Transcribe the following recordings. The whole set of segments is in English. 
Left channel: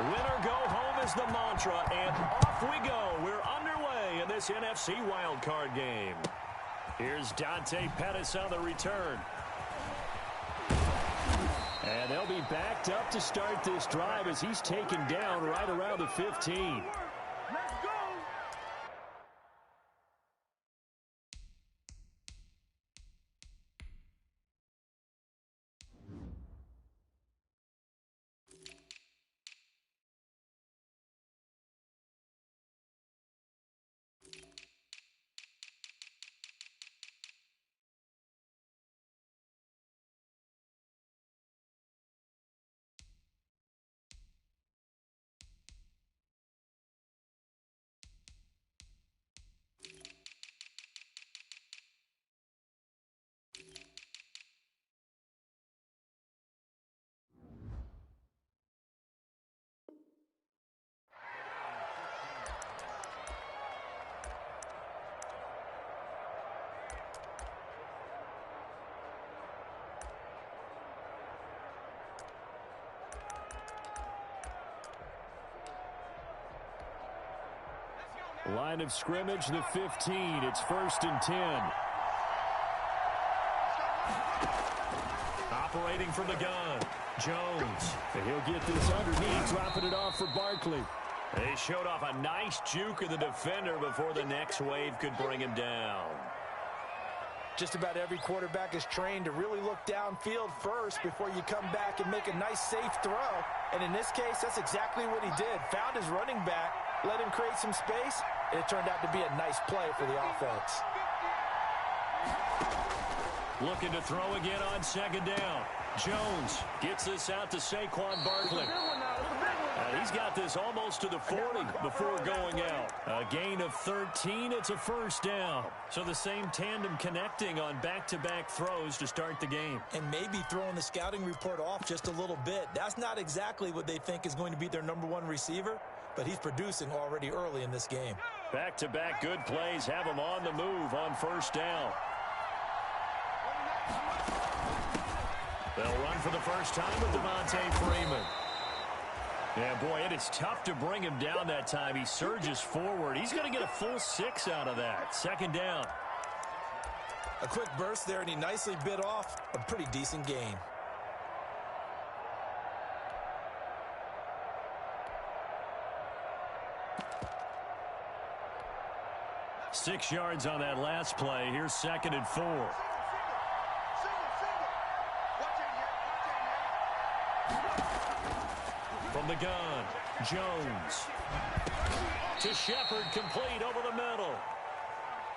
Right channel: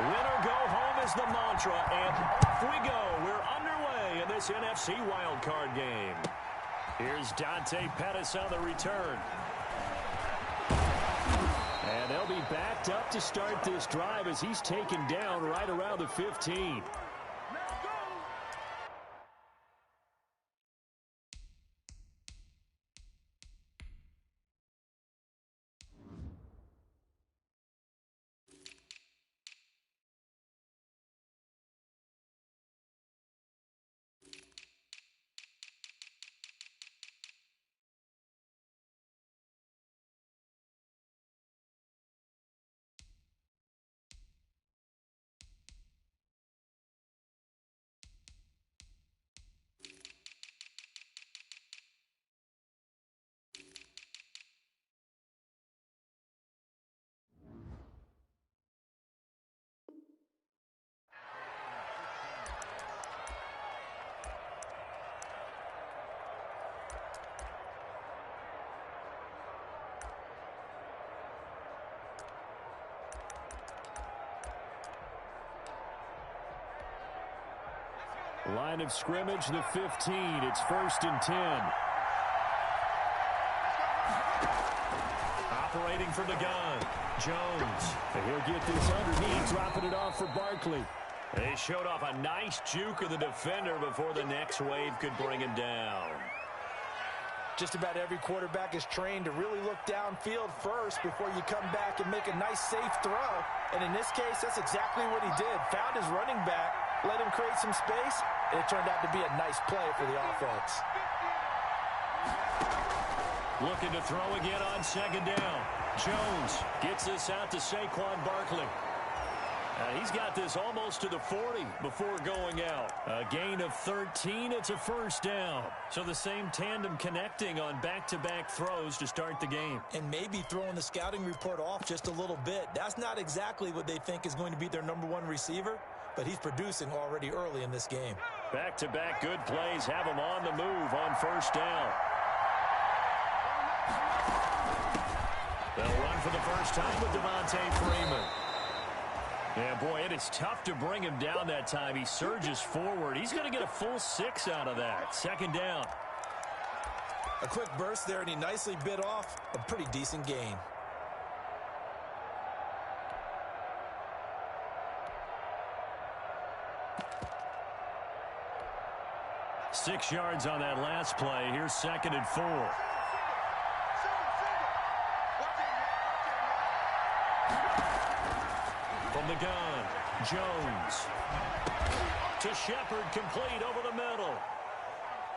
Win or go home is the mantra, and off we go. We're underway in this NFC wildcard game. Here's Dante Pettis on the return. And they'll be backed up to start this drive as he's taken down right around the 15. Line of scrimmage, the 15. It's 1st and 10. Operating from the gun, Jones. And he'll get this underneath, dropping it off for Barkley. They showed off a nice juke of the defender before the next wave could bring him down. Just about every quarterback is trained to really look downfield first before you come back and make a nice, safe throw. And in this case, that's exactly what he did. Found his running back, let him create some space, and it turned out to be a nice play for the offense. Looking to throw again on 2nd down. Jones gets this out to Saquon Barkley. He's got this almost to the 40 before going out. A gain of 13. It's a 1st down. So the same tandem connecting on back-to-back throws to start the game. And maybe throwing the scouting report off just a little bit. That's not exactly what they think is going to be their #1 receiver, but he's producing already early in this game. Back-to-back good plays have him on the move on 1st down. They'll run for the first time with Devontae Freeman. Yeah, boy, it is tough to bring him down that time. He surges forward. He's going to get a full 6 out of that. 2nd down. A quick burst there, and he nicely bit off a pretty decent gain. Six yards on that last play. Here's 2nd and 4. From the gun, Jones. To Shepard, complete over the middle.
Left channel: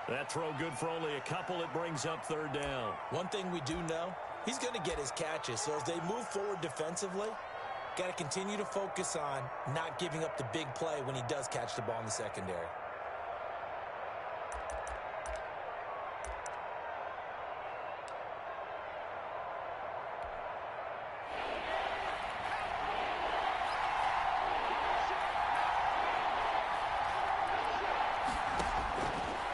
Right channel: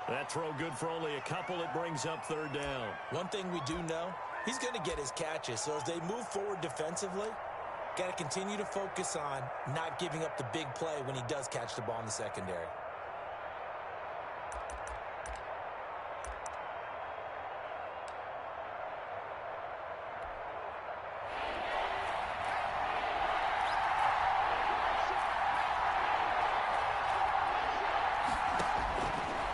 That throw good for only a couple. It brings up 3rd down. One thing we do know, he's going to get his catches. So as they move forward defensively, got to continue to focus on not giving up the big play when he does catch the ball in the secondary.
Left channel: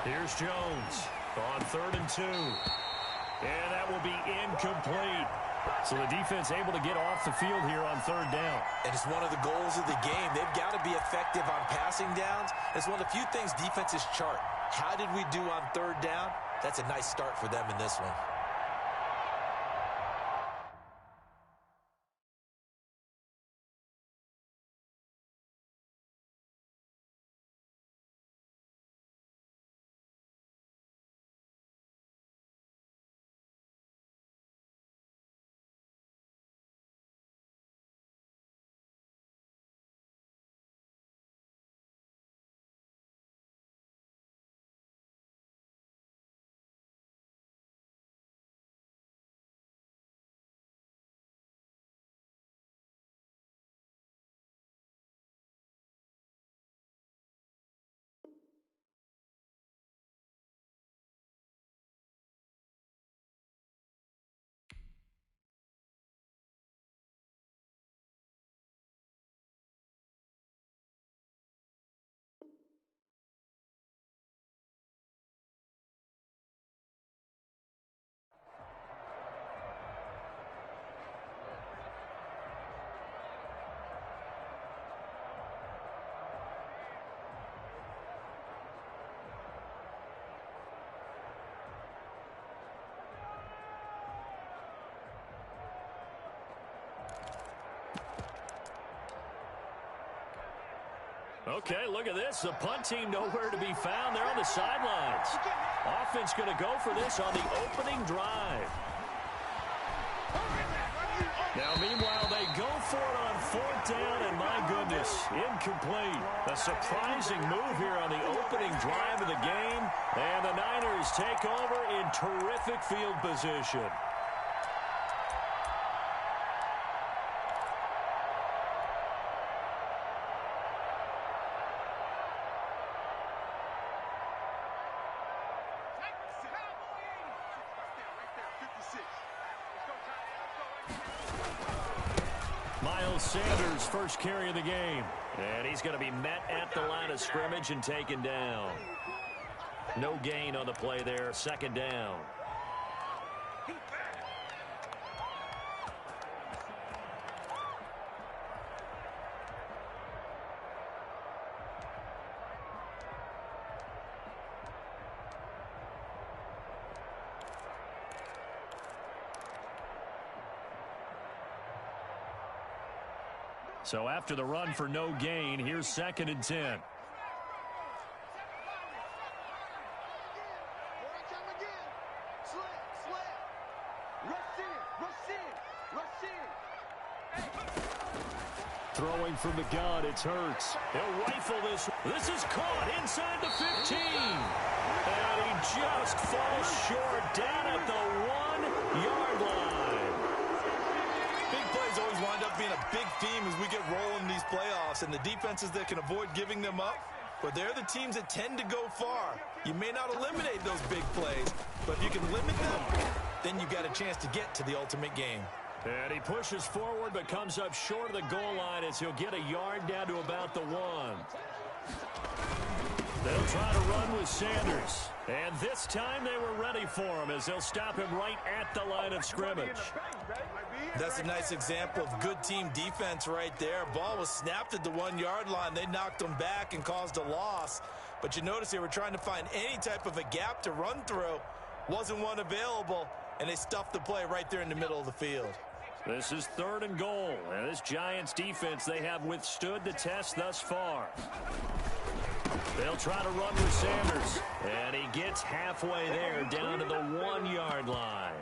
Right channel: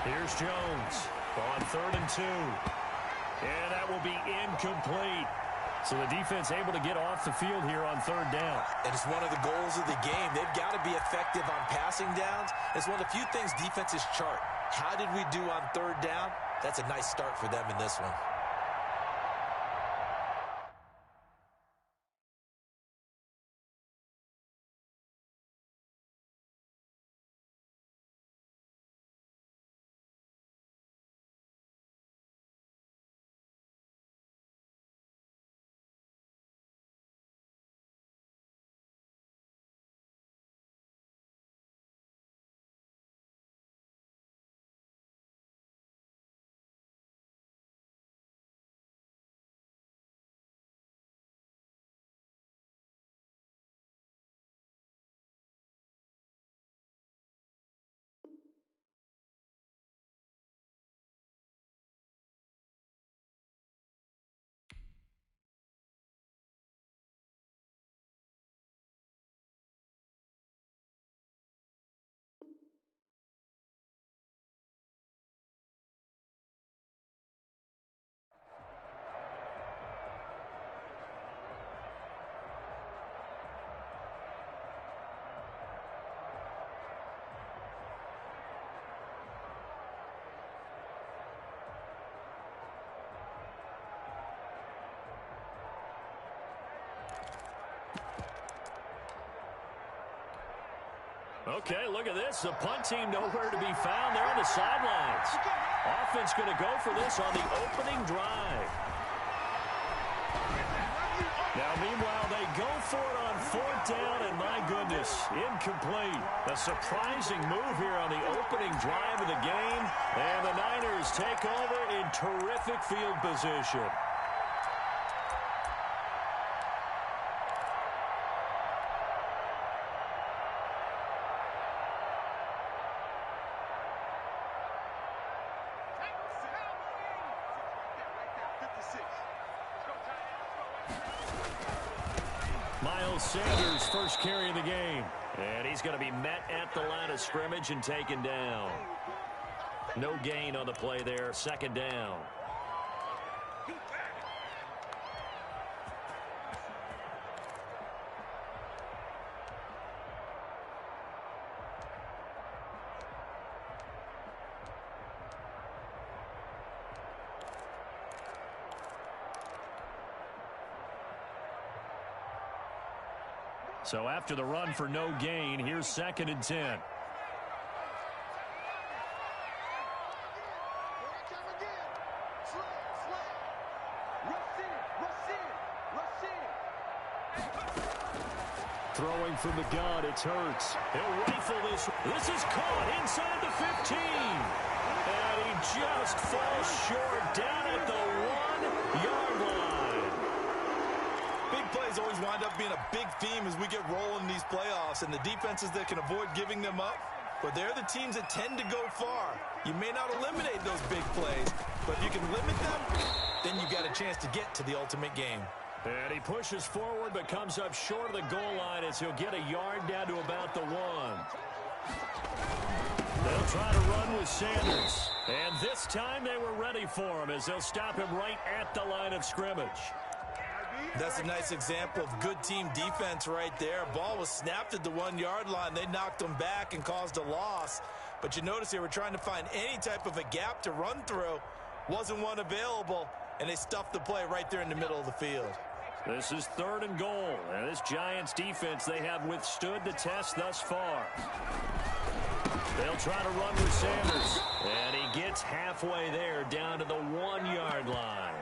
Here's Jones on 3rd and 2. And that will be incomplete. So the defense able to get off the field here on 3rd down. And it's one of the goals of the game. They've got to be effective on passing downs. It's one of the few things defenses chart. How did we do on 3rd down? That's a nice start for them in this one. Okay, look at this. The punt team nowhere to be found. They're on the sidelines. Offense going to go for this on the opening drive. Now, meanwhile, they go for it on 4th down, and my goodness, incomplete. A surprising move here on the opening drive of the game, and the Niners take over in terrific field position. Miles Sanders, first carry of the game. And he's going to be met at the line of scrimmage and taken down. No gain on the play there, 2nd down. So after the run for no gain, here's 2nd and 10. Throwing from the gun, it's Hurts. He'll rifle this. This is caught inside the 15. And he just falls short down at the 1-yard line. Big plays always wind up being a big theme as we get rolling in these playoffs, and the defenses that can avoid giving them up, but they're the teams that tend to go far. You may not eliminate those big plays, but if you can limit them, then you've got a chance to get to the ultimate game. And he pushes forward but comes up short of the goal line as he'll get a yard down to about the 1. They'll try to run with Sanders. And this time they were ready for him as they'll stop him right at the line of scrimmage. That's a nice example of good team defense right there. Ball was snapped at the 1-yard line. They knocked him back and caused a loss. But you notice they were trying to find any type of a gap to run through. Wasn't one available, and they stuffed the play right there in the middle of the field. This is 3rd and goal. And this Giants defense, they have withstood the test thus far. They'll try to run with Sanders. And he gets halfway there down to the 1-yard line.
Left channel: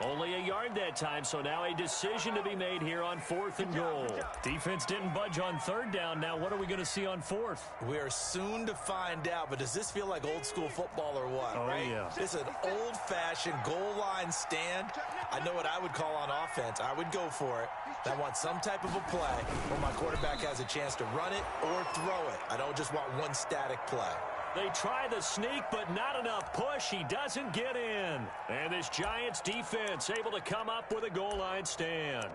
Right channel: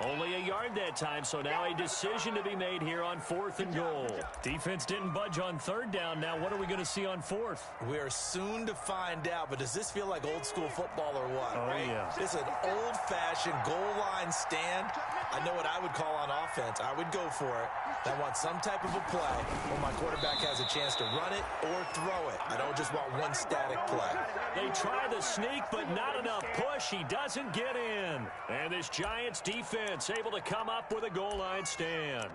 Only a yard that time, so now a decision to be made here on 4th and goal. Defense didn't budge on 3rd down. Now what are we going to see on 4th? We are soon to find out, but does this feel like old school football or what? Oh, right? Yeah. It's an old-fashioned goal line stand. I know what I would call on offense. I would go for it. I want some type of a play where my quarterback has a chance to run it or throw it. I don't just want one static play. They try the sneak, but not enough push. He doesn't get in. And this Giants defense able to come up with a goal line stand.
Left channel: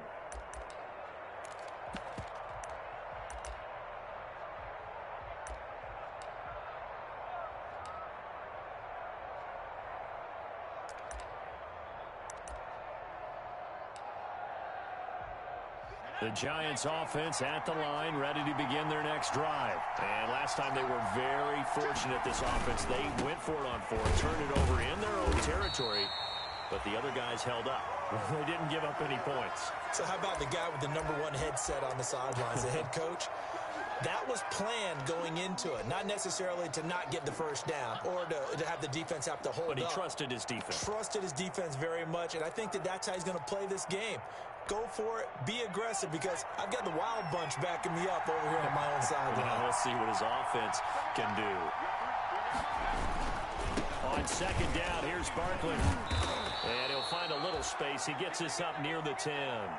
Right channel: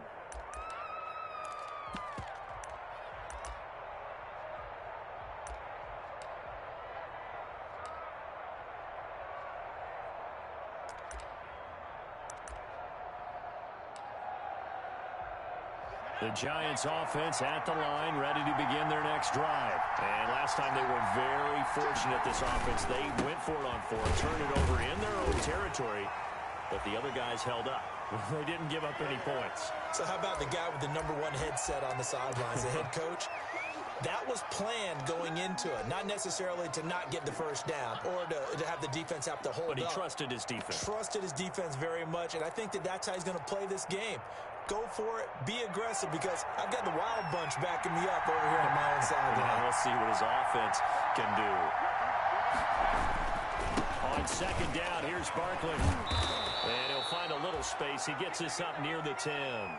The Giants offense at the line, ready to begin their next drive. And last time they were very fortunate, this offense. They went for it on 4th, turned it over in their own territory, but the other guys held up. They didn't give up any points. So how about the guy with the #1 headset on the sidelines, the head coach? That was planned going into it, not necessarily to not get the first down or to have the defense have to hold up. But he trusted his defense. Trusted his defense very much, and I think that's how he's going to play this game. Go for it. Be aggressive, because I've got the Wild Bunch backing me up over here on my own sideline. Now we'll see what his offense can do. On 2nd down, here's Barkley. And he'll find a little space. He gets this up near the 10.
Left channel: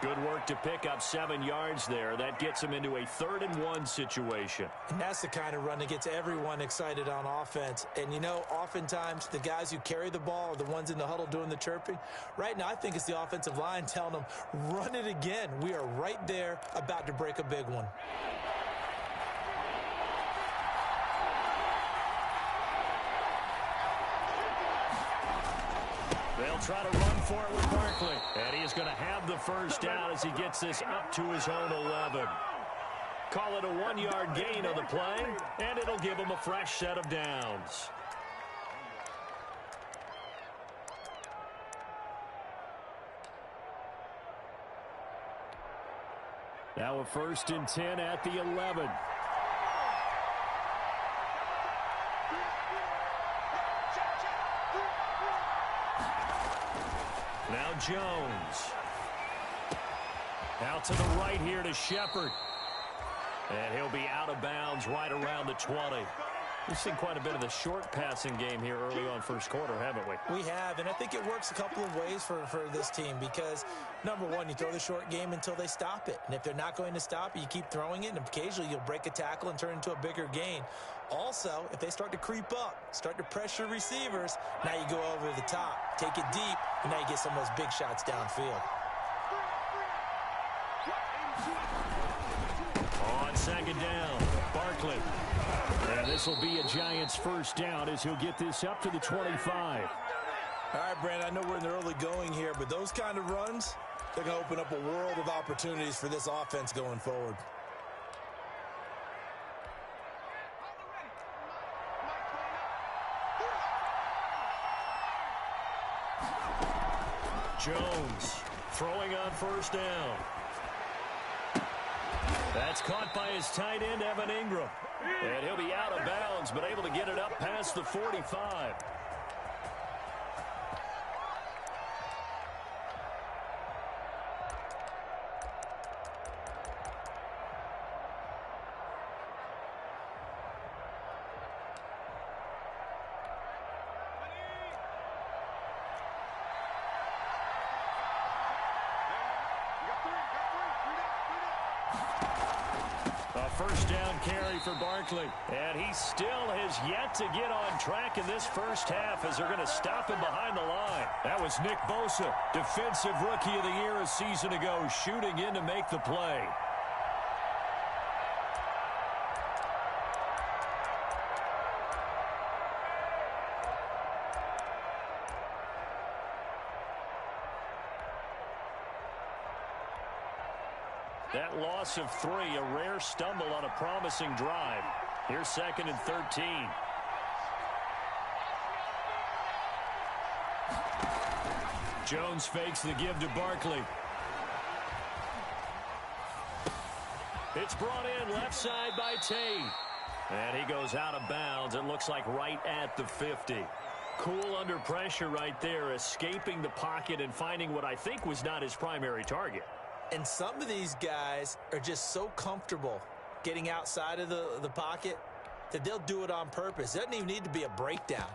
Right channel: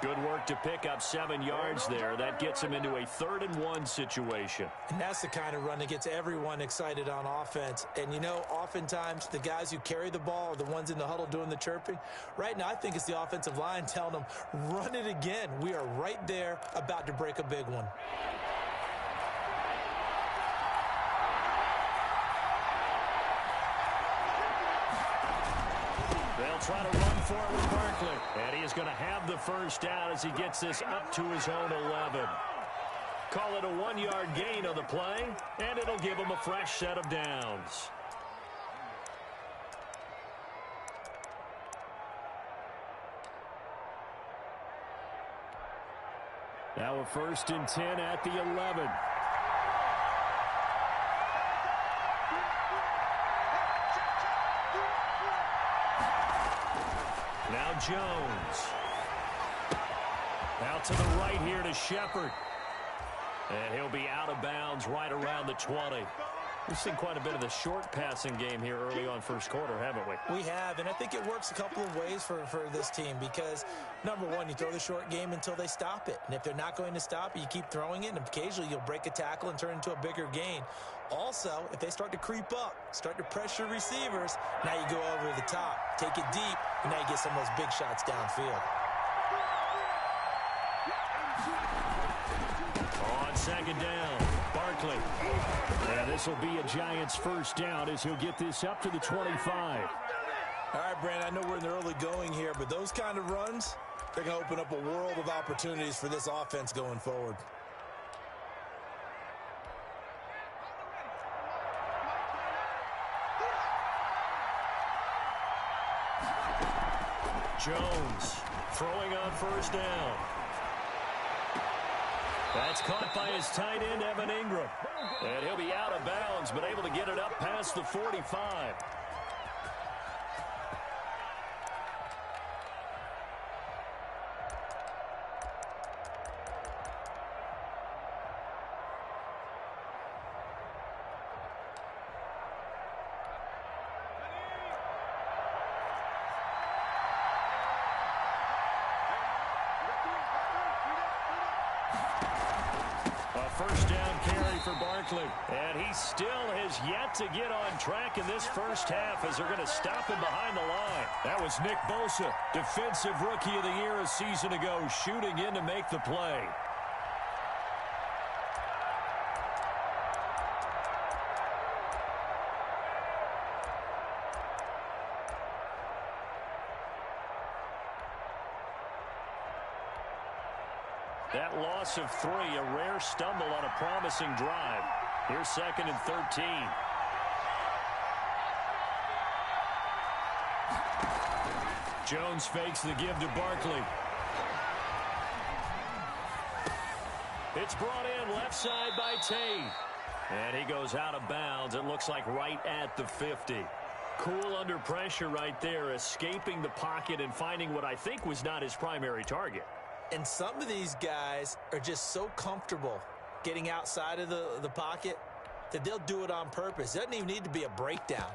Good work to pick up 7 yards there. That gets him into a 3rd and 1 situation. And that's the kind of run that gets everyone excited on offense. And, you know, oftentimes the guys who carry the ball are the ones in the huddle doing the chirping. Right now, I think it's the offensive line telling them, run it again. We are right there about to break a big one. They'll try to run for it with Barkley. And he is going to have the first down as he gets this up to his own 11. Call it a 1-yard gain on the play, and it'll give him a fresh set of downs. Now a 1st and 10 at the 11. Now Jones. Out to the right here to Shepard. And he'll be out of bounds right around the 20. We've seen quite a bit of the short passing game here early on first quarter, haven't we? We have, and I think it works a couple of ways for this team because, number one, you throw the short game until they stop it. And if they're not going to stop it, you keep throwing it, and occasionally you'll break a tackle and turn it into a bigger gain. Also, if they start to creep up, start to pressure receivers, now you go over the top, take it deep, and now you get some of those big shots downfield. On second down, Barkley. And this will be a Giants first down as he'll get this up to the 25. All right, Brandon, I know we're in the early going here, but those kind of runs, they're going to open up a world of opportunities for this offense going forward. Jones throwing on first down. That's caught by his tight end, Evan Ingram. And he'll be out of bounds, but able to get it up past the 45. First down carry for Barkley. And he still has yet to get on track in this first half as they're going to stop him behind the line. That was Nick Bosa, Defensive Rookie of the Year a season ago, shooting in to make the play. That loss of 3, a rare stumble on a promising drive. Here's 2nd and 13. Jones fakes the give to Barkley. It's brought in left side by Tate. And he goes out of bounds. It looks like right at the 50. Cool under pressure right there, escaping the pocket and finding what I think was not his primary target. And some of these guys are just so comfortable getting outside of the pocket that they'll do it on purpose. It doesn't even need to be a breakdown.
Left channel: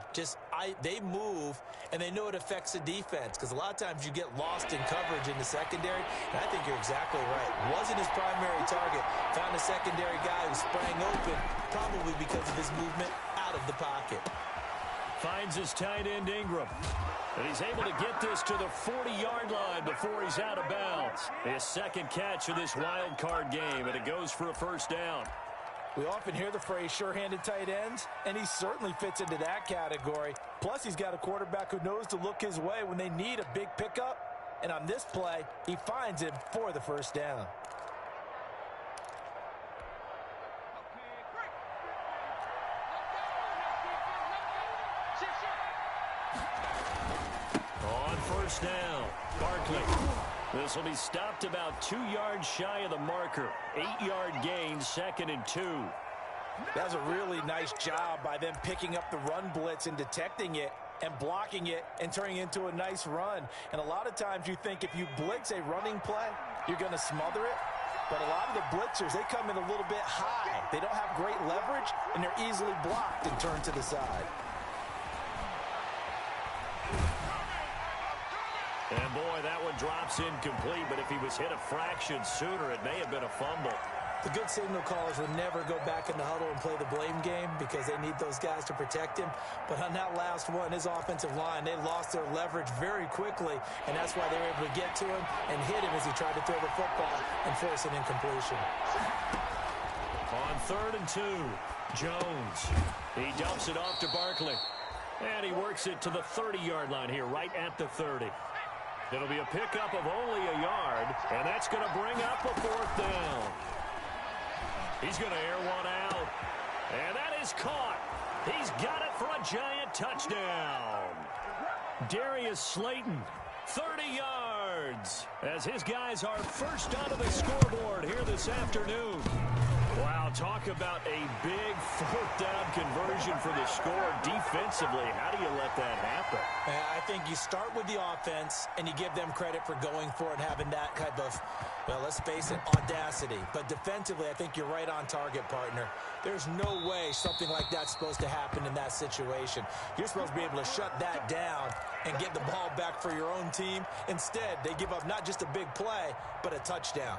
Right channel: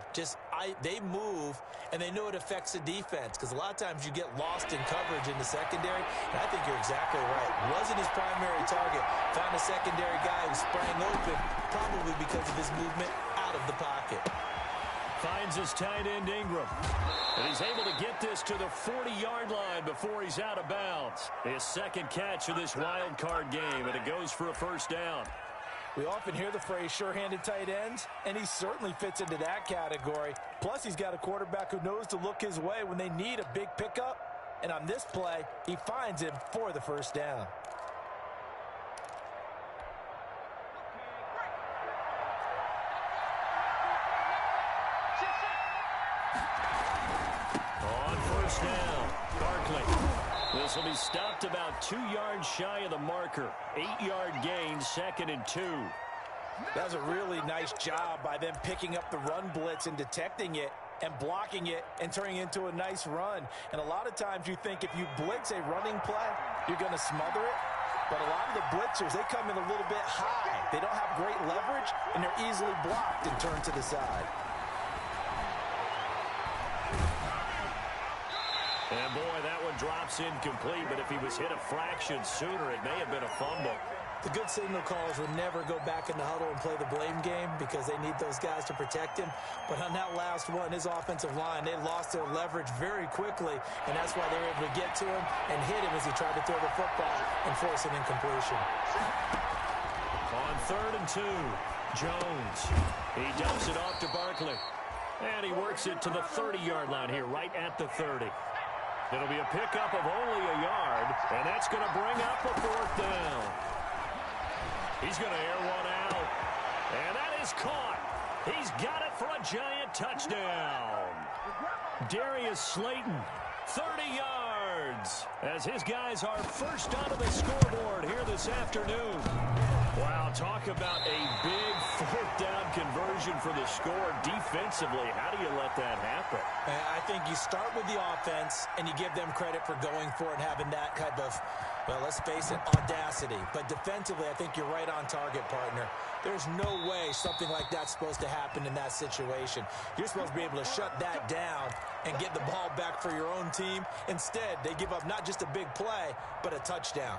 They move, and they know it affects the defense because a lot of times you get lost in coverage in the secondary, and I think you're exactly right. Wasn't his primary target. Found a secondary guy who sprang open, probably because of his movement out of the pocket. Finds his tight end Ingram. And he's able to get this to the 40-yard line before he's out of bounds. His second catch of this wild card game, and it goes for a first down. We often hear the phrase sure-handed tight ends, and he certainly fits into that category. Plus, he's got a quarterback who knows to look his way when they need a big pickup. And on this play, he finds him for the first down. On first down, Barkley. This will be stopped about 2 yards shy of the marker. 8-yard gain, 2nd and 2. That was a really nice job by them picking up the run blitz and detecting it and blocking it and turning it into a nice run. And a lot of times you think if you blitz a running play, you're going to smother it. But a lot of the blitzers, they come in a little bit high. They don't have great leverage, and they're easily blocked and turned to the side. And boy, that one drops incomplete, but if he was hit a fraction sooner, it may have been a fumble. The good signal callers will never go back in the huddle and play the blame game because they need those guys to protect him. But on that last one, his offensive line, they lost their leverage very quickly, and that's why they were able to get to him and hit him as he tried to throw the football and force an incompletion. On 3rd and 2, Jones. He dumps it off to Barkley. And he works it to the 30-yard line here, right at the 30. It'll be a pickup of only a yard, and that's going to bring up a 4th down. He's going to air one out, and that is caught. He's got it for a Giant touchdown. Darius Slayton, 30 yards, as his guys are first onto the scoreboard here this afternoon. Wow, talk about a big fourth down conversion for the score. Defensively, how do you let that happen? I think you start with the offense, and you give them credit for going for it, having that type of, well, let's face it, audacity. But defensively, I think you're right on target, partner. There's no way something like that's supposed to happen in that situation. You're supposed to be able to shut that down and get the ball back for your own team. Instead, they give up not just a big play, but a touchdown.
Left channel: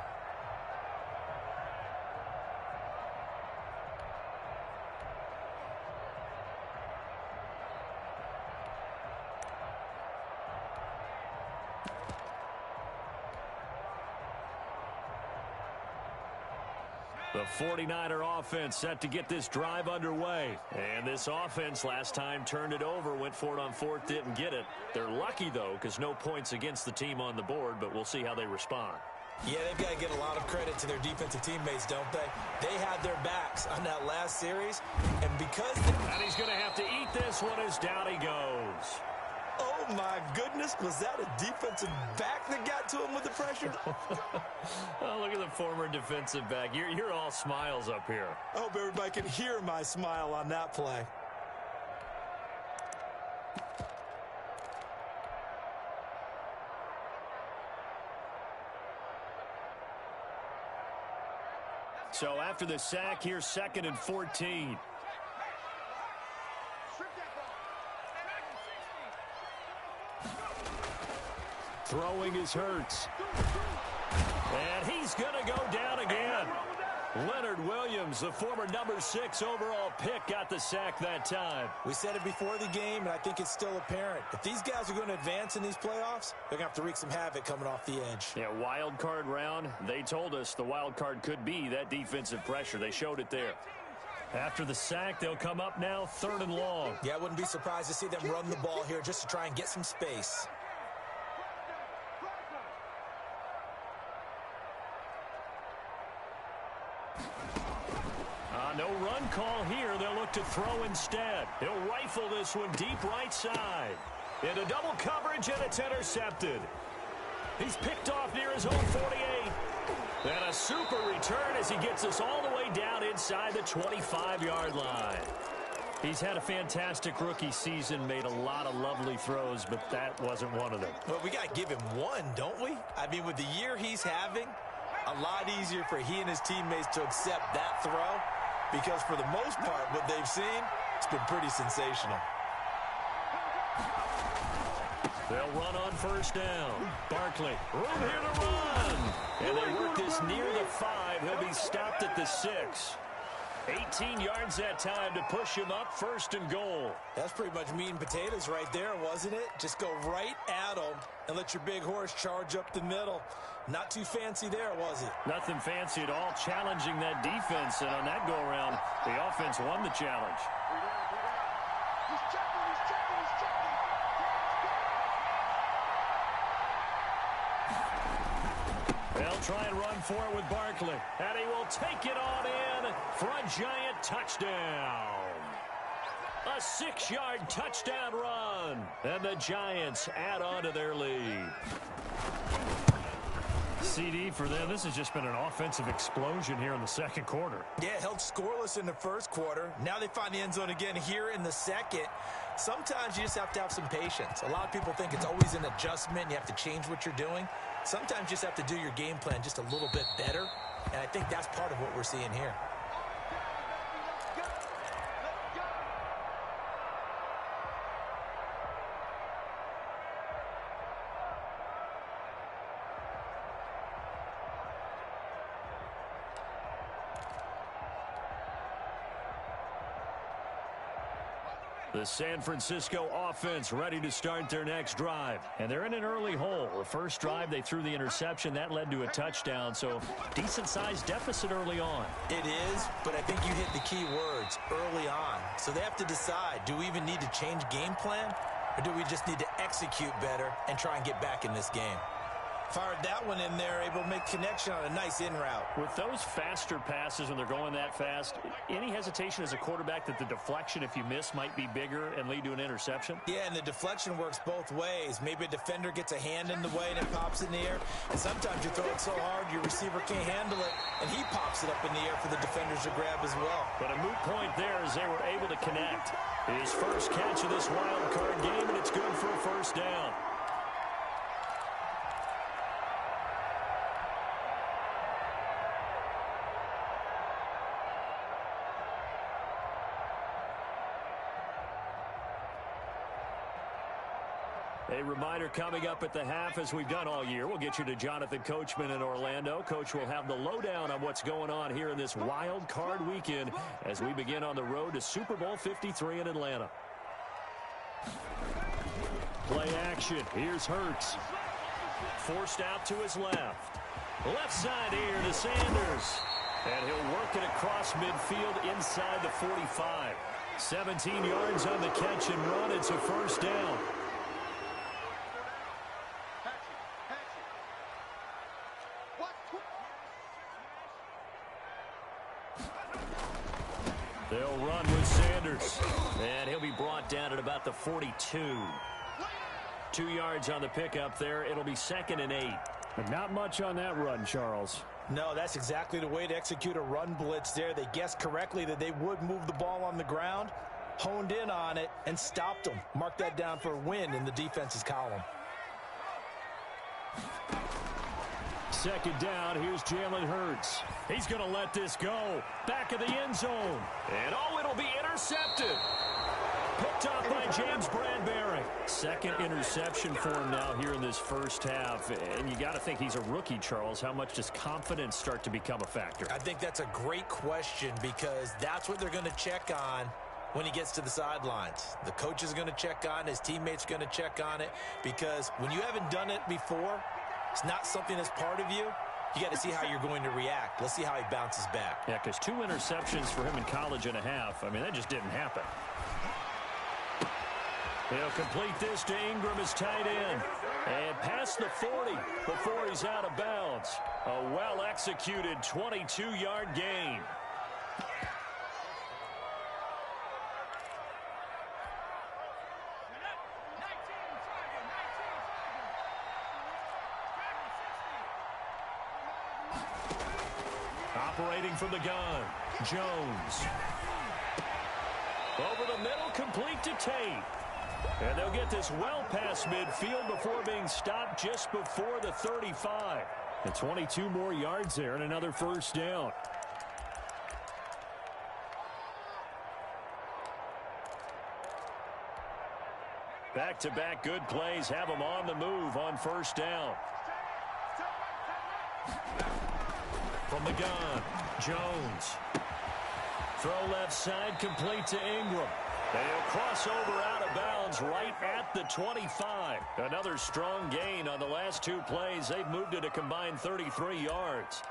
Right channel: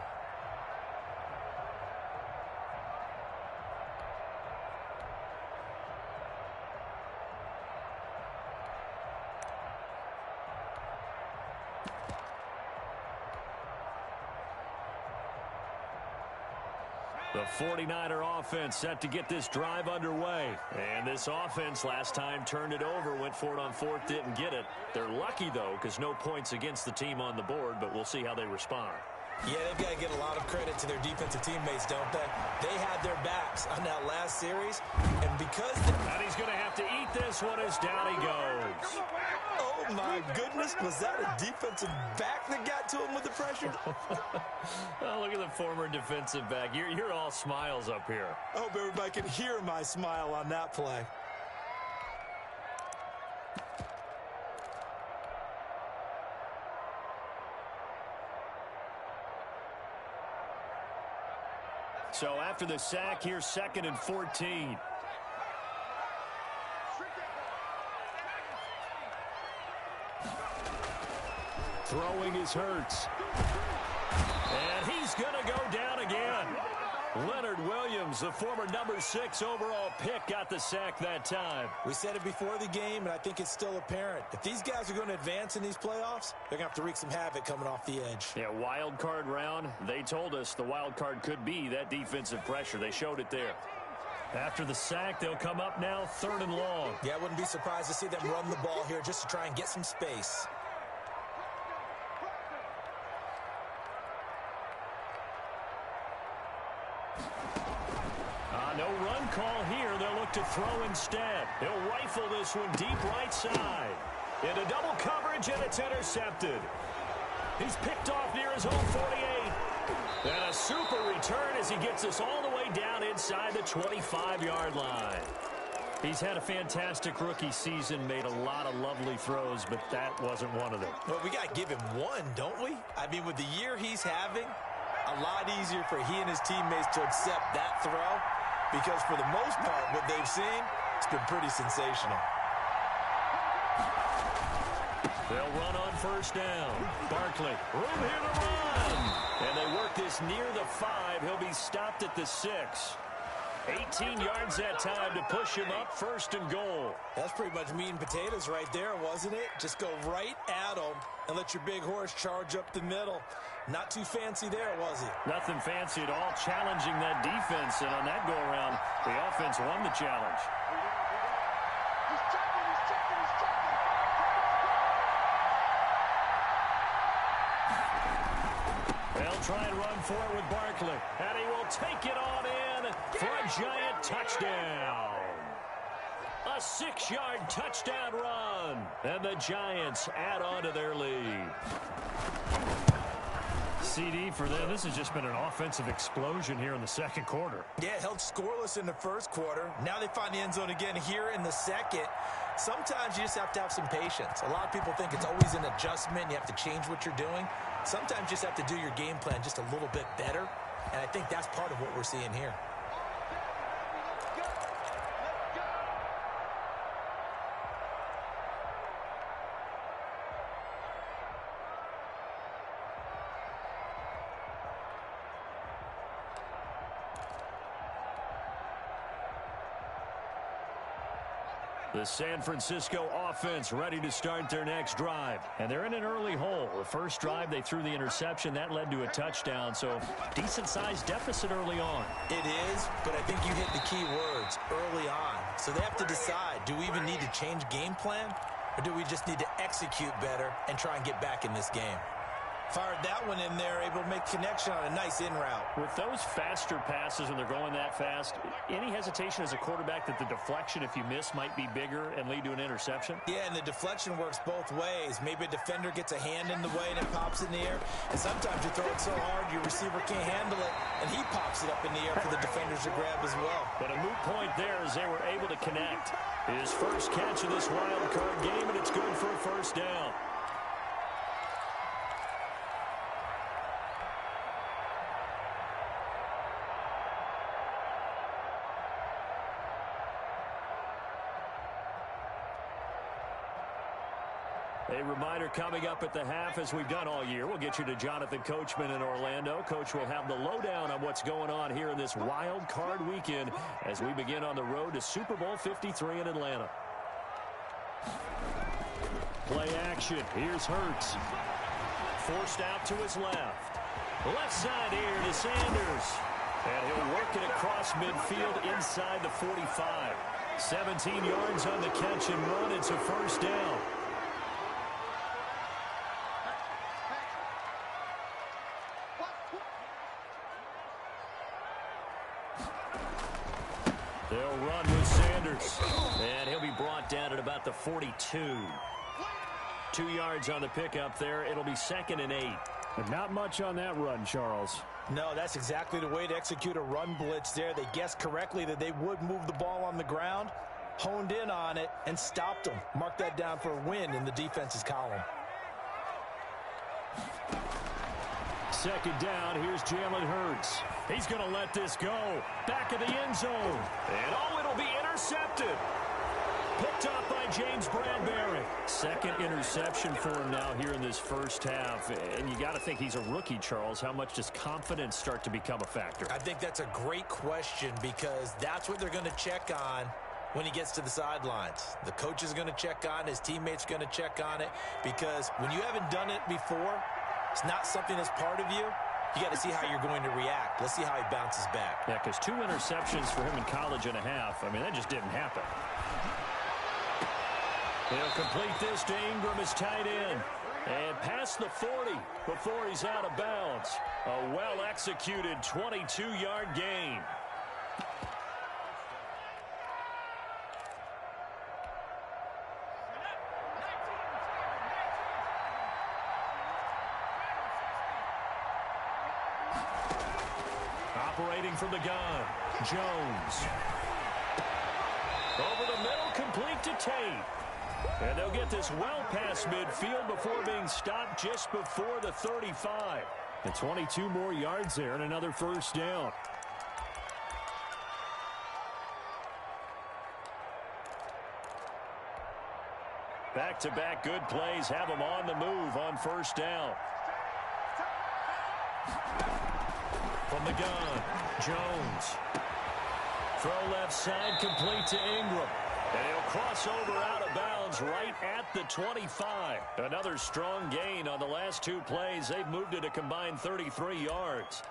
The 49er offense set to get this drive underway. And this offense last time turned it over, went for it on fourth, didn't get it. They're lucky, though, because no points against the team on the board, but we'll see how they respond. Yeah, they've got to get a lot of credit to their defensive teammates, don't they? They had their backs on that last series, and because... And he's going to have to eat this one as down he goes. Oh, my goodness. Was that a defensive back that got to him with the pressure? Oh, look at the former defensive back. You're all smiles up here. I hope everybody can hear my smile on that play. So after the sack, here's 2nd and 14. Throwing is Hurts. And he's going to go down again. Leonard Williams, the former number 6 overall pick, got the sack that time. We said it before the game, and I think it's still apparent. If these guys are going to advance in these playoffs, they're going to have to wreak some havoc coming off the edge. Yeah, wild card round. They told us the wild card could be that defensive pressure. They showed it there. After the sack, they'll come up now 3rd and long. Yeah, I wouldn't be surprised to see them run the ball here just to try and get some space. No run call here. They'll look to throw instead. He'll rifle this one deep right side. Into double coverage, and it's intercepted. He's picked off near his own 48. And a super return as he gets us all the way down inside the 25-yard line. He's had a fantastic rookie season, made a lot of lovely throws, but that wasn't one of them. Well, we got to give him one, don't we? I mean, with the year he's having, a lot easier for he and his teammates to accept that throw. Because for the most part, what they've seen, it's been pretty sensational. They'll run on 1st down. Barkley, room here to run. And they work this near the 5. He'll be stopped at the 6. 18 yards that time to push him up 1st and goal. That's pretty much meat and potatoes right there, wasn't it? Just go right at him and let your big horse charge up the middle. Not too fancy there, was it? Nothing fancy at all, challenging that defense. And on that go-around, the offense won the challenge. He's checking. They'll try and run for it with Barkley. And he will take it on in for a giant touchdown. A 6-yard touchdown run. And the Giants add on to their lead. CD for them. This has just been an offensive explosion here in the 2nd quarter. Yeah, held scoreless in the 1st quarter. Now they find the end zone again here in the 2nd. Sometimes you just have to have some patience. A lot of people think it's always an adjustment. You have to change what you're doing. Sometimes you just have to do your game plan just a little bit better. And I think that's part of what we're seeing here. The San Francisco offense ready to start their next drive. And they're in an early hole. The first drive, they threw the interception. That led to a touchdown. So decent-sized deficit early on. It is, but I think you hit the key words early on. So they have to decide, do we even need to change game plan? Or do we just need to execute better and try and get back in this game? Fired that one in there, able to make connection on a nice in route. With those faster passes when they're going that fast, any hesitation as a quarterback that the deflection, if you miss, might be bigger and lead to an interception? Yeah, and the deflection works both ways. Maybe a defender gets a hand in the way and it pops in the air. And sometimes you throw it so hard your receiver can't handle it, and he pops it up in the air for the defenders to grab as well. But a moot point there as they were able to connect. His first catch of this wild card game, and it's good for a first down. A reminder coming up at the half, as we've done all year. We'll get you to Jonathan Coachman in Orlando. Coach will have the lowdown on what's going on here in this wild card weekend as we begin on the road to Super Bowl 53 in Atlanta. Play action. Here's Hurts. Forced out to his left. Left side here to Sanders. And he'll work it across midfield inside the 45. 17 yards on the catch and run. It's a first down. They'll run with Sanders. And he'll be brought down at about the 42. 2 yards on the pickup there. It'll be 2nd and 8. But not much on that run, Charles. No, that's exactly the way to execute a run blitz there. They guessed correctly that they would move the ball on the ground, honed in on it, and stopped them. Mark that down for a win in the defense's column. 2nd down. Here's Jalen Hurts. He's going to let this go. Back of the end zone. And it'll be intercepted. Picked up by James Bradbury. 2nd interception for him now here in this first half. And you got to think he's a rookie, Charles. How much does confidence start to become a factor? I think that's a great question because that's what they're going to check on when he gets to the sidelines. The coach is going to check on it. His teammates are going to check on it because when you haven't done it before, it's not something that's part of you. You got to see how you're going to react. Let's see how he bounces back. Yeah, because 2 interceptions for him in college and a half. I mean, that just didn't happen. He'll complete this to Ingram as tight end. And past the 40 before he's out of bounds. A well-executed 22-yard gain. Operating from the gun, Jones. Over the middle, complete to Tate. And they'll get this well past midfield before being stopped just before the 35. And 22 more yards there and another first down. Back-to-back good plays have them on the move on first down. From the gun, Jones. Throw left side, complete to Ingram. And he'll cross over out of bounds right at the 25. Another strong gain on the last 2 plays. They've moved it a combined 33 yards.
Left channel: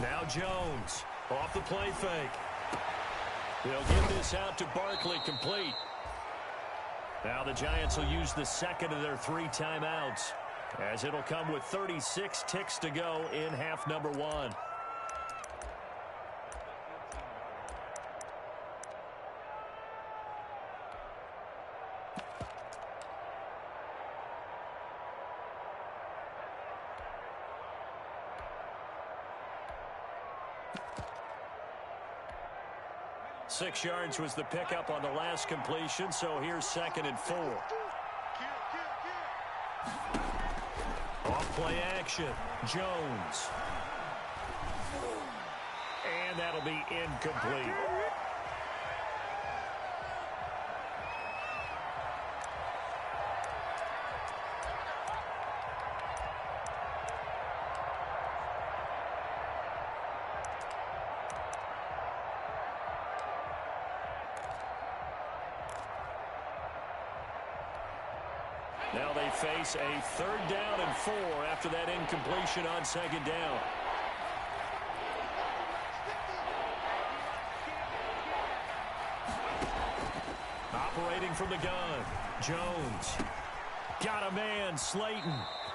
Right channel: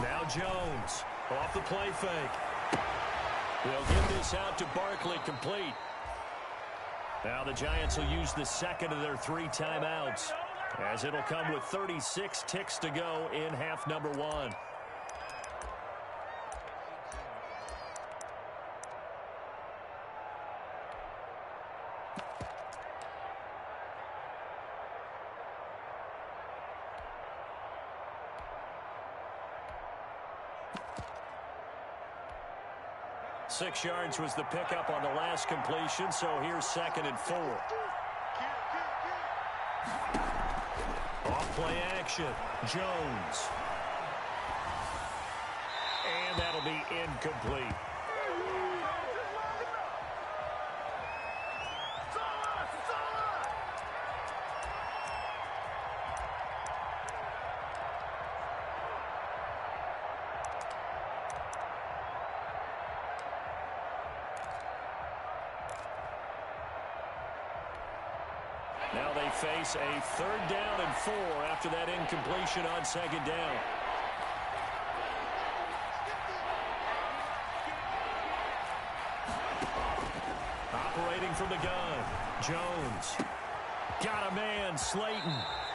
Now Jones off the play fake. They'll get this out to Barkley, complete. Now the Giants will use the 2nd of their 3 timeouts as it'll come with 36 ticks to go in half number 1. Six yards was the pickup on the last completion, so here's 2nd and 4. Off play action, Jones. And that'll be incomplete. Now they face a 3rd down and 4 after that incompletion on 2nd down. Operating from the gun, Jones. Got a man, Slayton.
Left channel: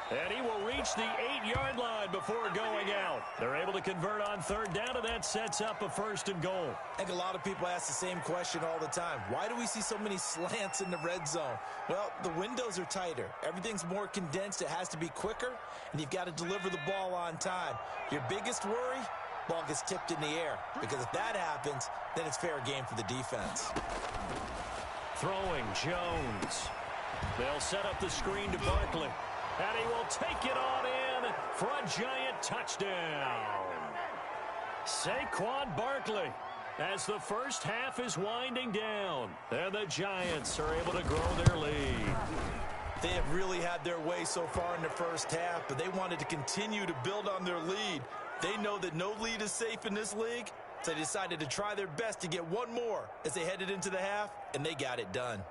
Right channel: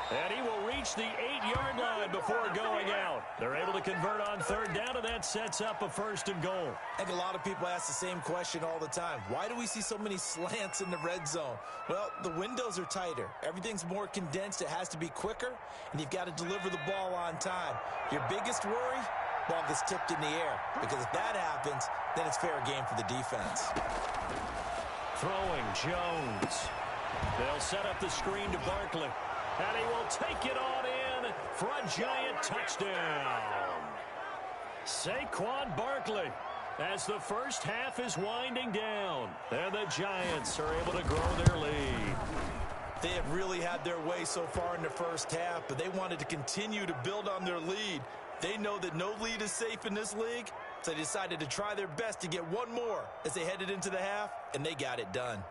And he will reach the 8-yard line before going out. They're able to convert on third down, and that sets up a first and goal. I think a lot of people ask the same question all the time. Why do we see so many slants in the red zone? Well, the windows are tighter. Everything's more condensed. It has to be quicker, and you've got to deliver the ball on time. Your biggest worry? Ball gets tipped in the air, because if that happens, then it's fair game for the defense. Throwing, Jones. They'll set up the screen to Barkley. And he will take it on in for a giant touchdown. Saquon Barkley, as the first half is winding down. And the Giants are able to grow their lead. They have really had their way so far in the first half, but they wanted to continue to build on their lead. They know that no lead is safe in this league, so they decided to try their best to get one more as they headed into the half, and they got it done.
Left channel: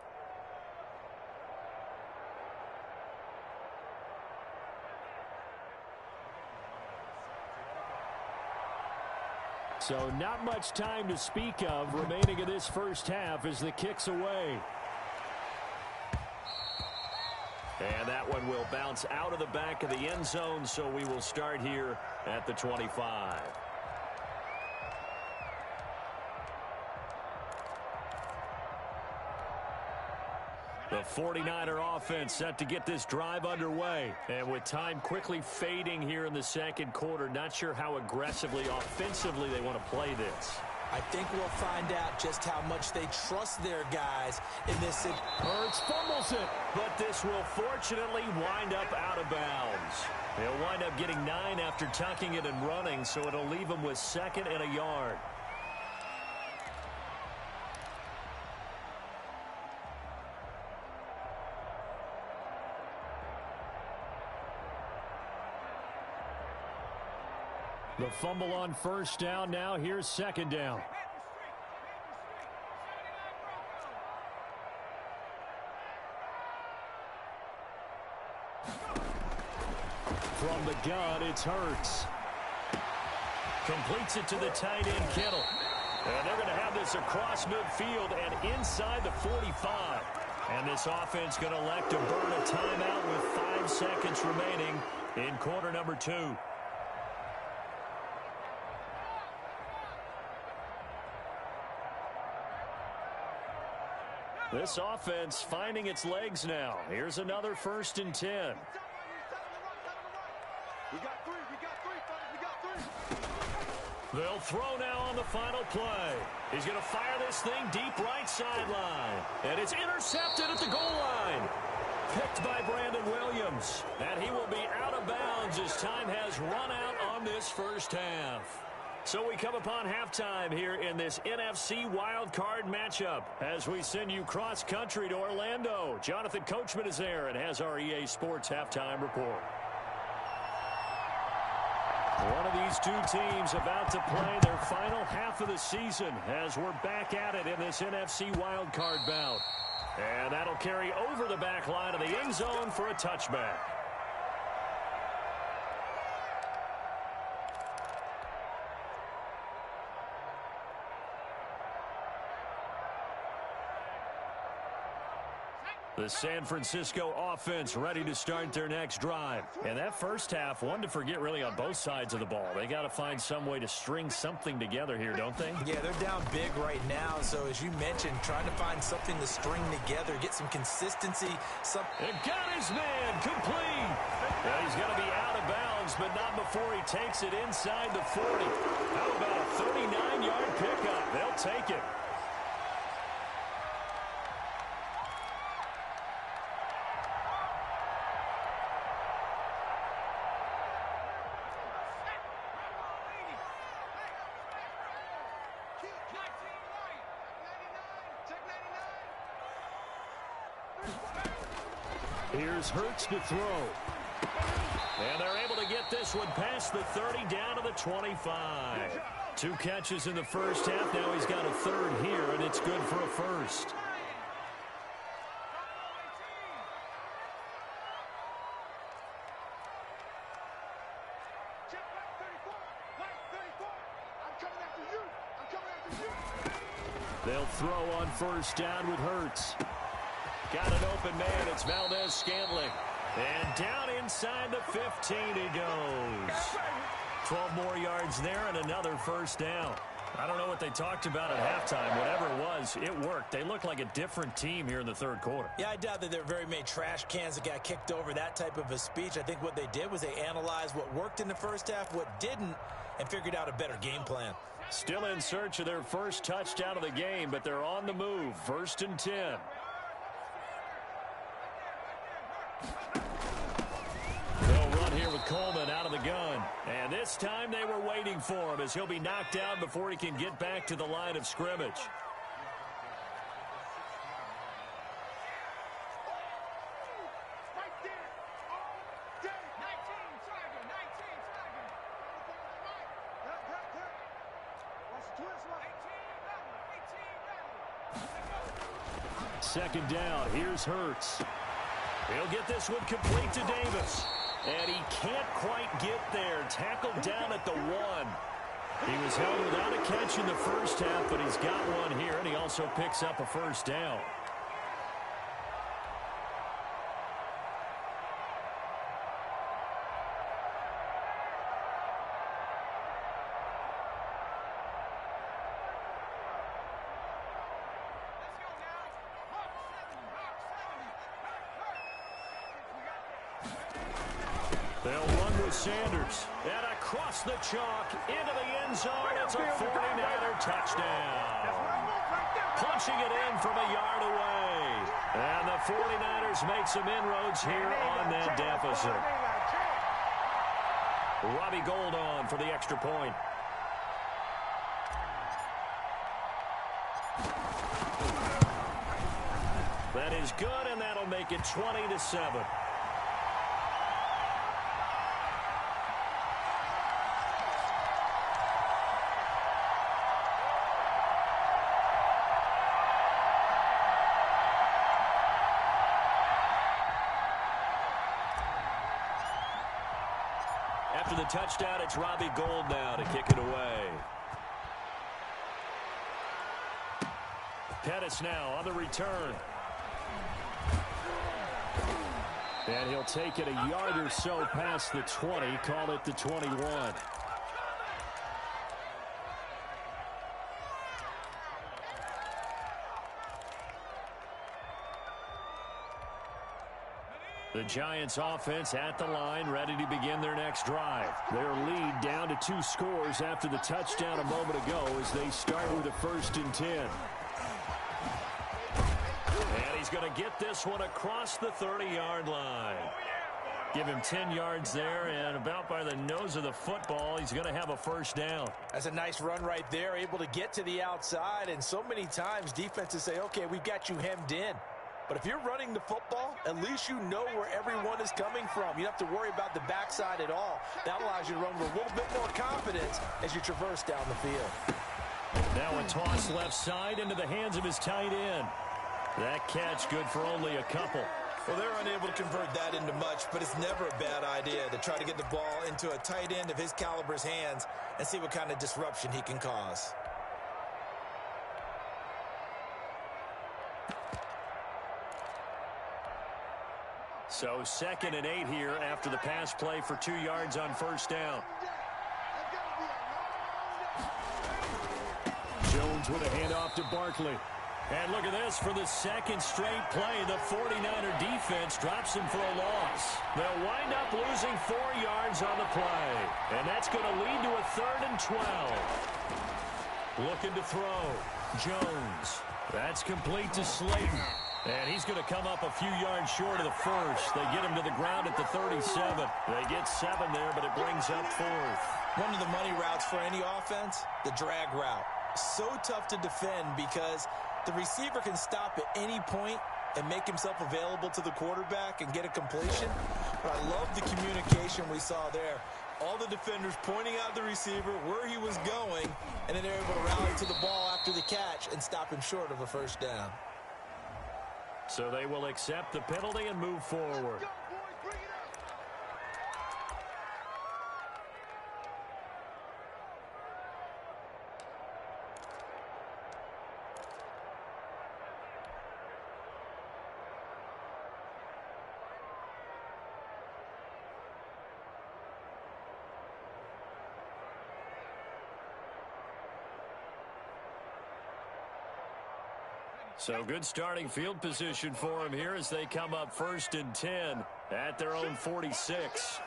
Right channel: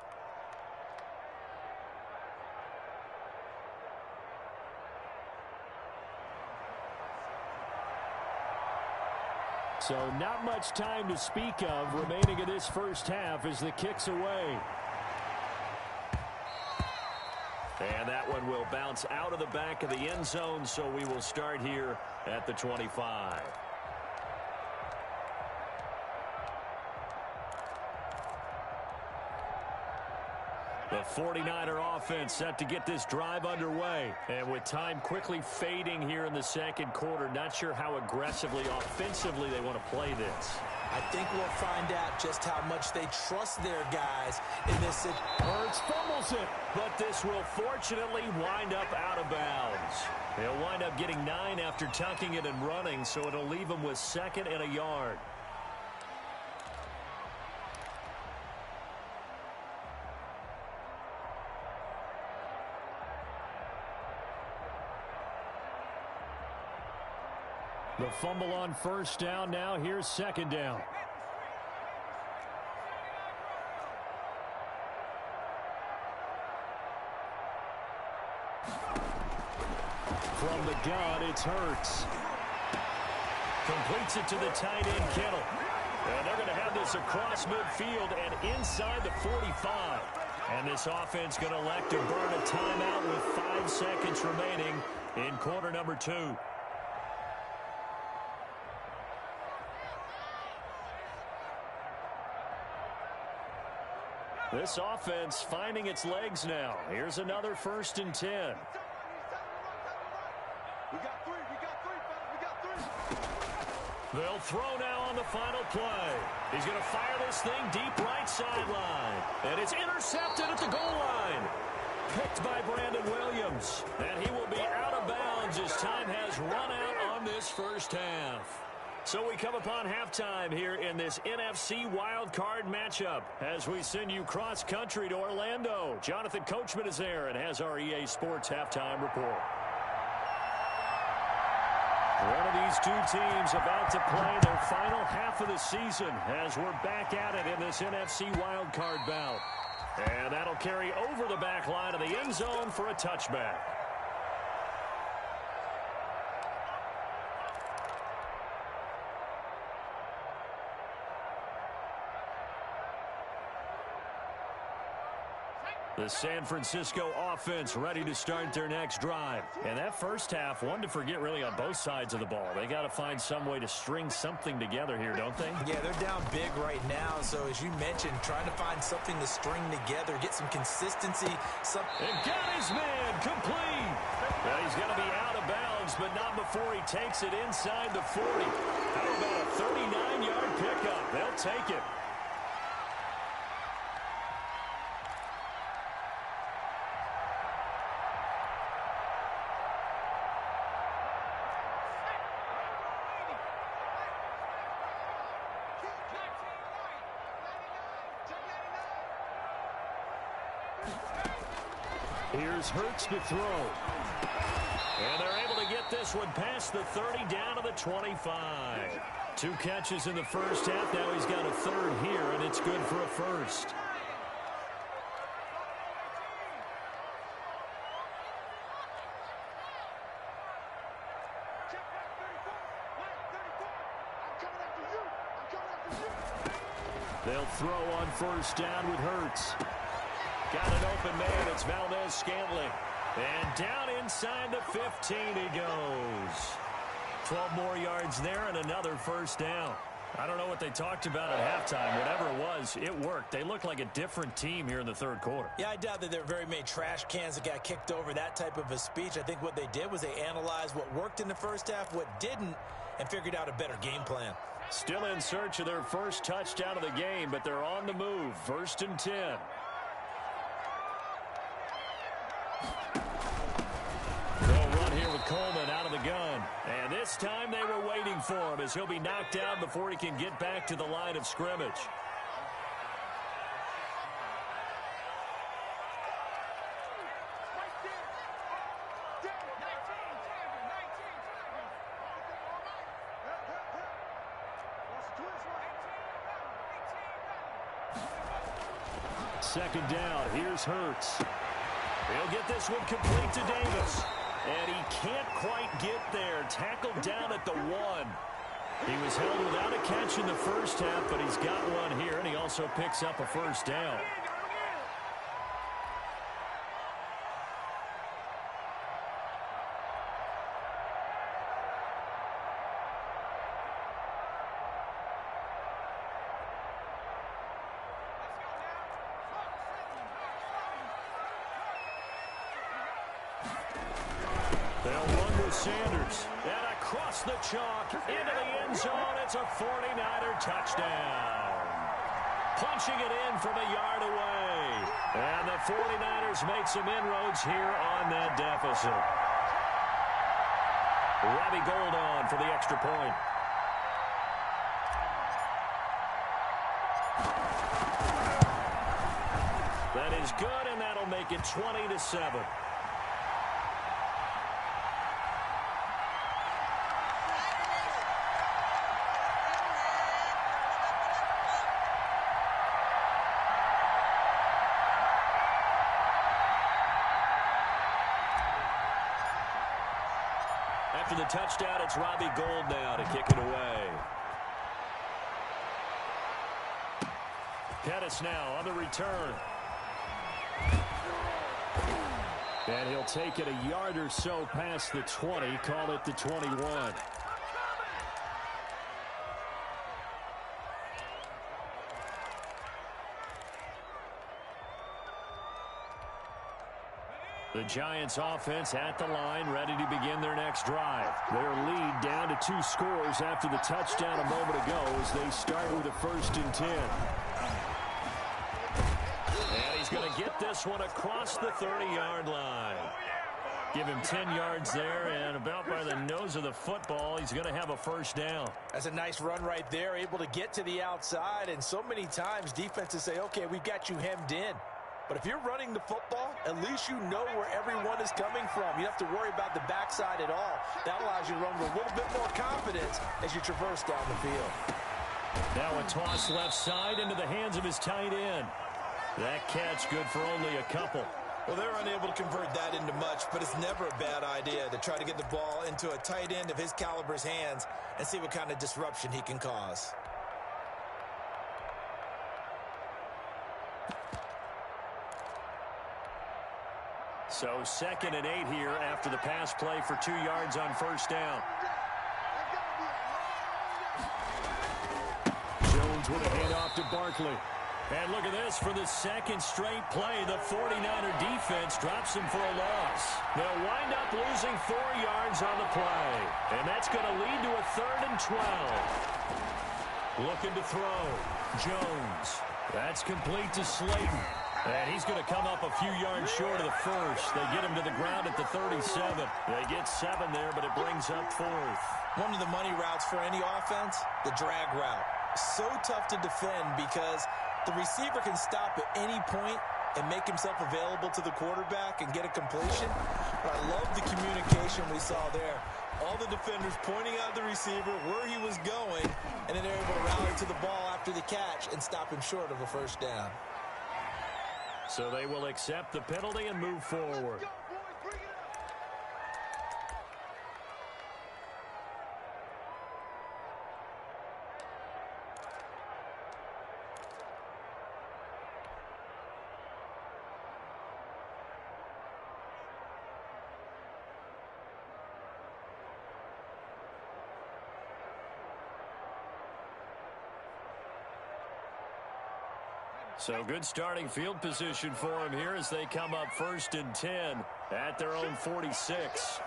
So not much time to speak of remaining in this first half as the kick's away. And that one will bounce out of the back of the end zone, so we will start here at the 25. The 49er offense set to get this drive underway. And with time quickly fading here in the second quarter, not sure how aggressively, offensively they want to play this. I think we'll find out just how much they trust their guys in this. Hurts fumbles it. But this will fortunately wind up out of bounds. He'll wind up getting 9 after tucking it and running, so it'll leave him with 2nd and a yard. The fumble on first down. Now here's 2nd down. From the gun, it's Hurts. Completes it to the tight end, Kittle. And they're going to have this across midfield and inside the 45. And this offense going to elect to burn a timeout with 5 seconds remaining in quarter number 2. This offense finding its legs now. Here's another 1st and 10. We got 3, fellas, we got 3. They'll throw now on the final play. He's going to fire this thing deep right sideline. And it's intercepted at the goal line. Picked by Brandon Williams. And he will be out of bounds as time has run out on this first half. So we come upon halftime here in this NFC wildcard matchup as we send you cross-country to Orlando. Jonathan Coachman is there and has our EA Sports halftime report. One of these two teams about to play their final half of the season as we're back at it in this NFC wildcard bout. And that'll carry over the back line of the end zone for a touchback. The San Francisco offense ready to start their next drive. And that first half, one to forget really on both sides of the ball. They got to find some way to string something together here, don't they? Yeah, they're down big right now. So as you mentioned, trying to find something to string together, get some consistency. And got his man complete. Well, he's going to be out of bounds, but not before he takes it inside the 40. How about a 39-yard pickup? They'll take it. Here's Hurts to throw. And they're able to get this one past the 30 down to the 25. 2 catches in the first half. Now he's got a 3rd here, and it's good for a 1st. Check right 34. Right 34. I'm coming after you. I'm They'll throw on first down with Hurts. Got an open man. It's Valdez-Scantling. And down inside the 15 he goes. 12 more yards there and another first down. I don't know what they talked about at halftime. Whatever it was, it worked. They looked like a different team here in the third quarter. Yeah, I doubt that there were very many trash cans that got kicked over, that type of a speech. I think what they did was they analyzed what worked in the first half, what didn't, and figured out a better game plan. Still in search of their first touchdown of the game, but they're on the move. 1st and 10. They'll run here with Coleman out of the gun. And this time they were waiting for him as he'll be knocked down before he can get back to the line of scrimmage. Second down, here's Hurts. He'll get this one complete to Davis. And he can't quite get there. Tackled down at the 1. He was held without a catch in the first half, but he's got one here, and he also picks up a first down. They'll run with Sanders. And across the chalk, into the end zone. It's a 49er touchdown. Punching it in from a yard away. And the 49ers make some inroads here on that deficit. Robbie Gould on for the extra point. That is good, and that'll make it 20-7. After the touchdown, it's Robbie Gould now to kick it away. Pettis now on the return. And he'll take it a yard or so past the 20, call it the 21. The Giants offense at the line, ready to begin their next drive. Their lead down to 2 scores after the touchdown a moment ago as they start with a 1st and 10. And he's going to get this one across the 30-yard line. Give him 10 yards there, and about by the nose of the football, he's going to have a first down. That's a nice run right there, able to get to the outside, and so many times defenses say, okay, we've got you hemmed in. But if you're running the football, at least you know where everyone is coming from. You don't have to worry about the backside at all. That allows you to run with a little bit more confidence as you traverse down the field. Now a toss left side into the hands of his tight end. That catch good for only a couple. Well, they're unable to convert that into much, but it's never a bad idea to try to get the ball into a tight end of his caliber's hands and see what kind of disruption he can cause. So 2nd and 8 here after the pass play for 2 yards on first down. Jones with a handoff to Barkley. And look at this, for the second straight play, the 49er defense drops him for a loss. They'll wind up losing 4 yards on the play. And that's going to lead to a 3rd and 12. Looking to throw. Jones. That's complete to Slayton. And he's going to come up a few yards short of the first. They get him to the ground at the 37. They get 7 there, but it brings up 4th. One of the money routes for any offense, the drag route. So tough to defend because the receiver can stop at any point and make himself available to the quarterback and get a completion. But I love the communication we saw there. All the defenders pointing out the receiver, where he was going, and then they're able to rally to the ball after the catch and stop him short of a first down. So they will accept the penalty and move forward. So good starting field position for him here as they come up 1st and 10 at their own 46.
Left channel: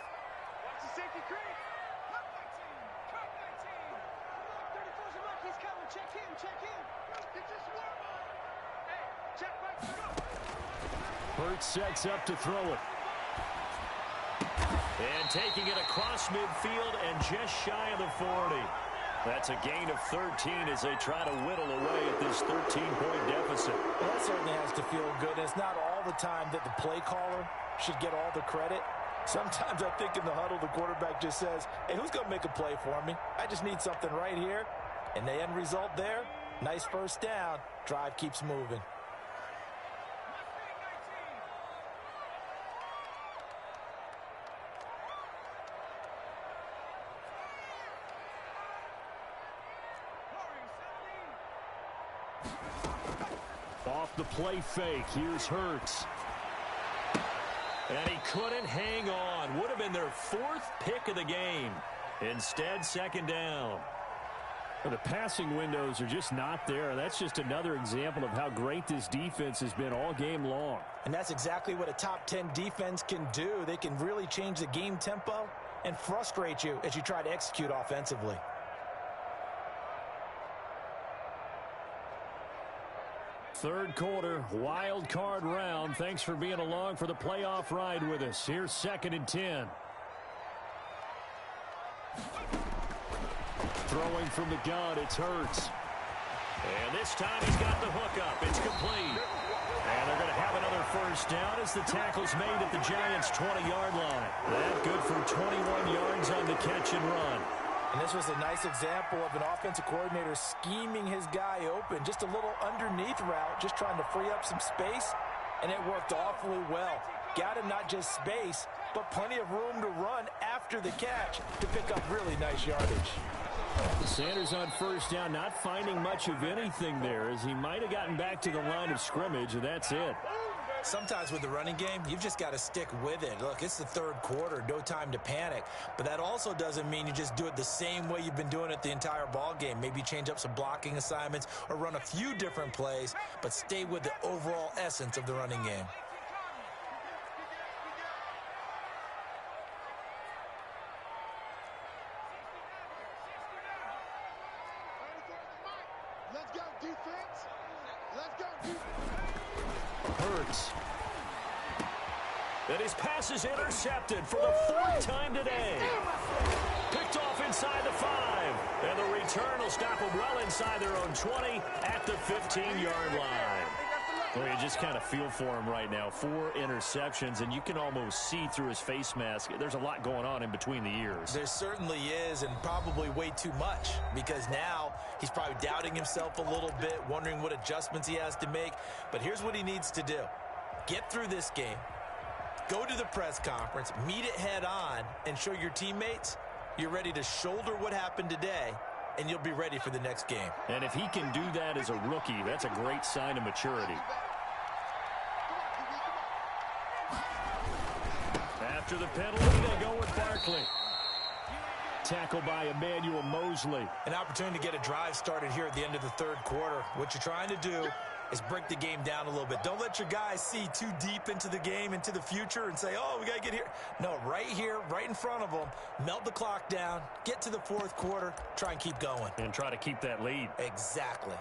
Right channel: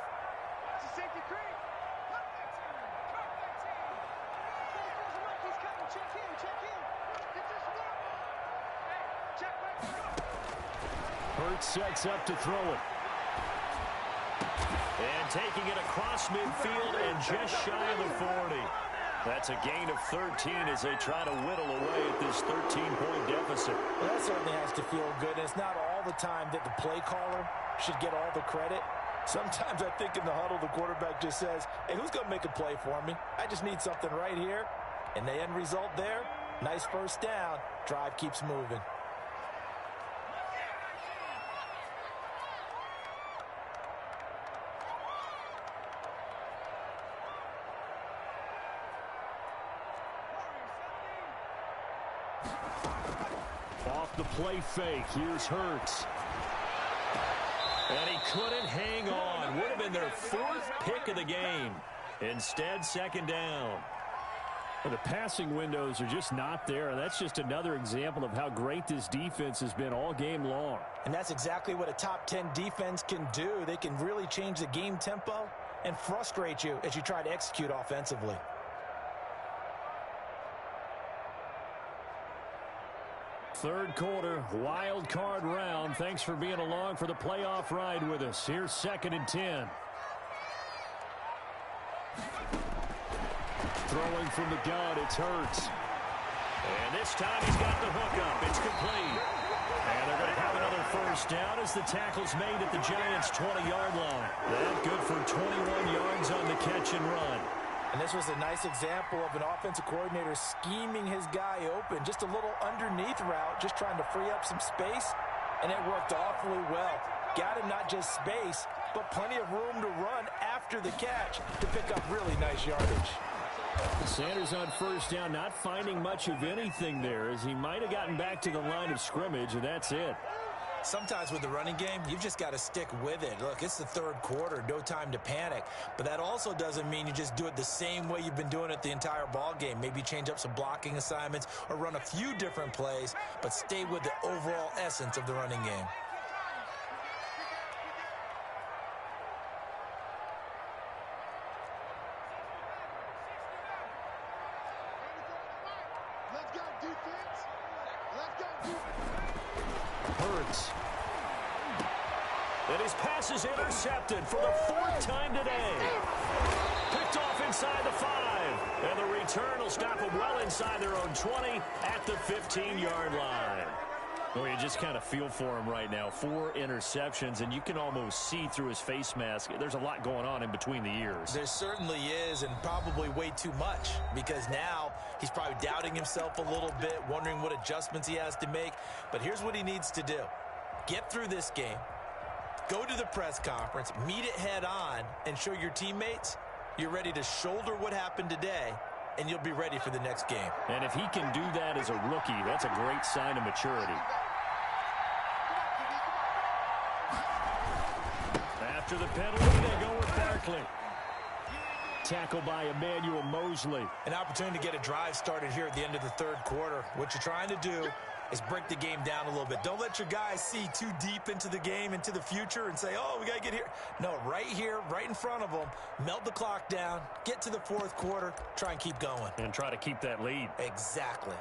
Watch the safety creep. Cut 19. He's coming. Check in. Get this one. Hey, check back. Hurts sets up to throw it. And taking it across midfield and just shy of the 40. That's a gain of 13 as they try to whittle away at this 13-point deficit. Well, that certainly has to feel good. And it's not all the time that the play caller should get all the credit. Sometimes I think in the huddle, the quarterback just says, hey, who's going to make a play for me? I just need something right here. And the end result there, nice first down. Drive keeps moving. Off the play fake, here's Hurts. And he couldn't hang on. Would have been their 4th pick of the game. Instead, 2nd down. The passing windows are just not there. That's just another example of how great this defense has been all game long. And that's exactly what a top 10 defense can do. They can really change the game tempo and frustrate you as you try to execute offensively. Third quarter, wild card round. Thanks for being along for the playoff ride with us. Here's 2nd and 10. Throwing from the gun, it's Hurts. And this time he's got the hook up. It's complete. And they're going to have another first down as the tackle's made at the Giants' 20-yard line. That good for 21 yards on the catch and run. And this was a nice example of an offensive coordinator scheming his guy open. Just a little underneath route, just trying to free up some space, and it worked awfully well. Got him not just space, but plenty of room to run after the catch to pick up really nice yardage. Sanders on first down, not finding much of anything there, as he might have gotten back to the line of scrimmage, and that's it. Sometimes with the running game, you've just got to stick with it. Look, it's the third quarter, no time to panic. But that also doesn't mean you just do it the same way you've been doing it the entire ball game. Maybe change up some blocking assignments or run a few different plays, but stay with the overall essence of the running game. Let's go, defense. Let's go, defense. Hurts. And his pass is intercepted for the 4th time today. Picked off inside the 5. And the return will stop them well inside their own 20 at the 15-yard line. Well, you just kind of feel for him right now. 4 interceptions, and you can almost see through his face mask. There's a lot going on in between the ears. There certainly is, and probably way too much, because now he's probably doubting himself a little bit, wondering what adjustments he has to make. But here's what he needs to do. Get through this game, go to the press conference, meet it head on, and show your teammates you're ready to shoulder what happened today, and you'll be ready for the next game. And if he can do that as a rookie, that's a great sign of maturity. After the penalty, they go with Barkley. Tackle by Emmanuel Mosley. An opportunity to get a drive started here at the end of the third quarter. What you're trying to do is break the game down a little bit. Don't let your guys see too deep into the game, into the future, and say, oh, we got to get here. No, right here, right in front of them, melt the clock down, get to the fourth quarter, try and keep going. And try to keep that lead. Exactly.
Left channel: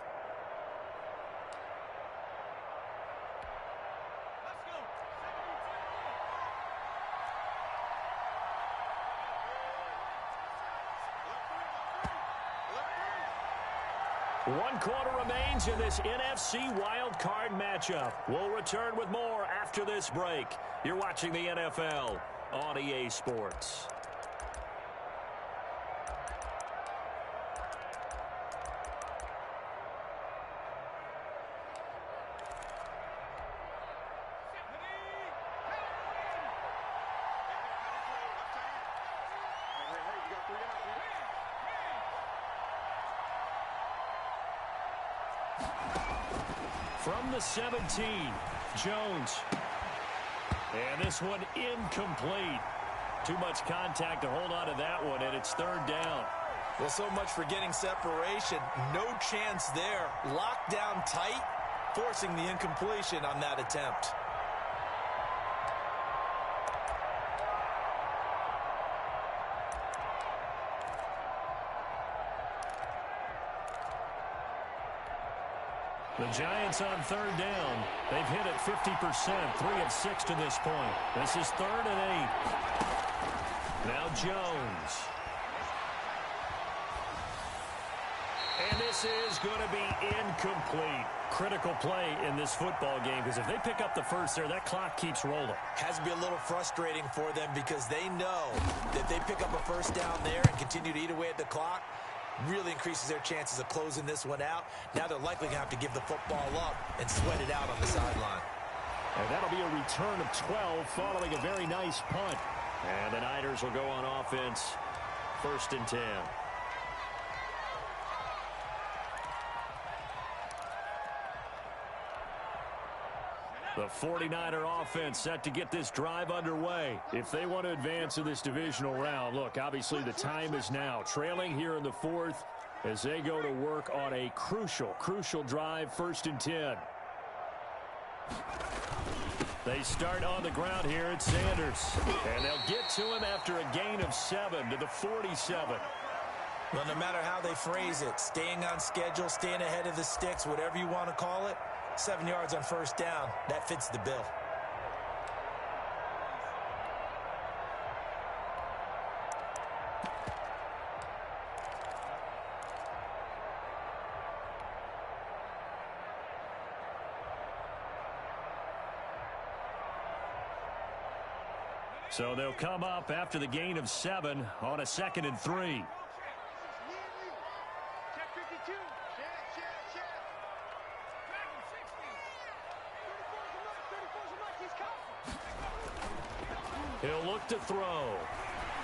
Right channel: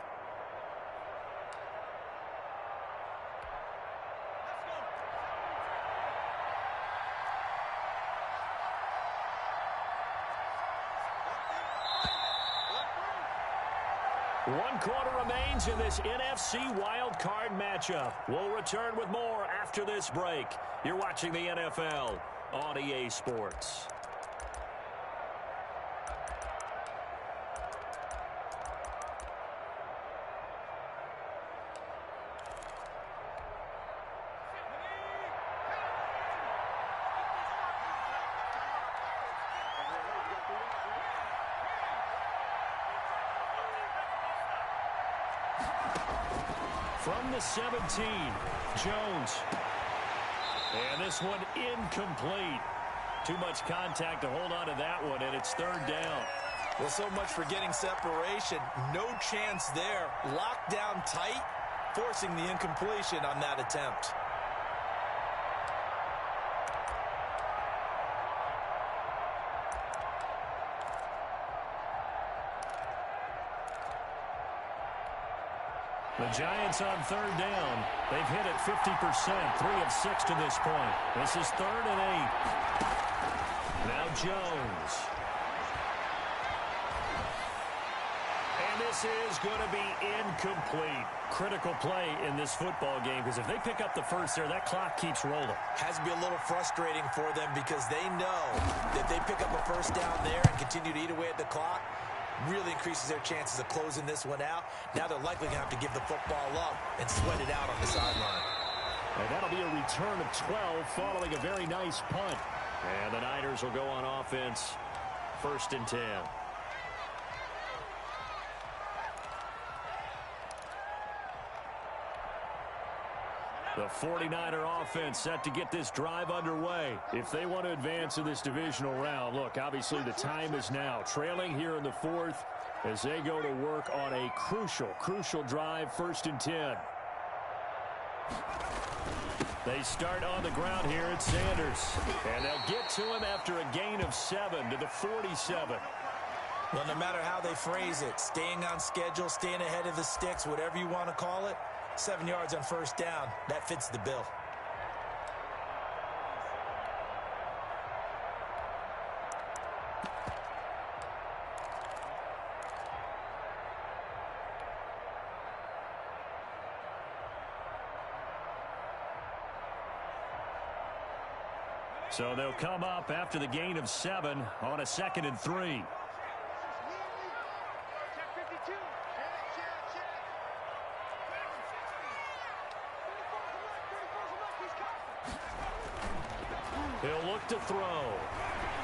One quarter remains in this NFC Wild Card matchup. We'll return with more after this break. You're watching the NFL on EA Sports. From the 17, Jones. And this one incomplete. Too much contact to hold on to that one, and it's third down. Well, so much for getting separation. No chance there. Locked down tight. forcing the incompletion on that attempt. The Giants on third down. They've hit it 50%, 3 of 6 to this point. This is 3rd and 8. Now Jones. And this is going to be incomplete. Critical play in this football game, because if they pick up the first there, that clock keeps rolling. Has to be a little frustrating for them because they know that they pick up a first down there and continue to eat away at the clock, really increases their chances of closing this one out. Now they're likely going to have to give the football up and sweat it out on the sideline. And that'll be a return of 12 following a very nice punt. And the Niners will go on offense, 1st and 10. The 49er offense set to get this drive underway. If they want to advance in this divisional round, look, obviously the time is now. Trailing here in the 4th as they go to work on a crucial drive, 1st and 10. They start on the ground here at Sanders. And they'll get to him after a gain of 7 to the 47. Well, no matter how they phrase it, staying on schedule, staying ahead of the sticks, whatever you want to call it, 7 yards on first down, that fits the bill. So they'll come up after the gain of 7 on a 2nd and 3. Check 52. Check. 34's a He's He'll look to throw.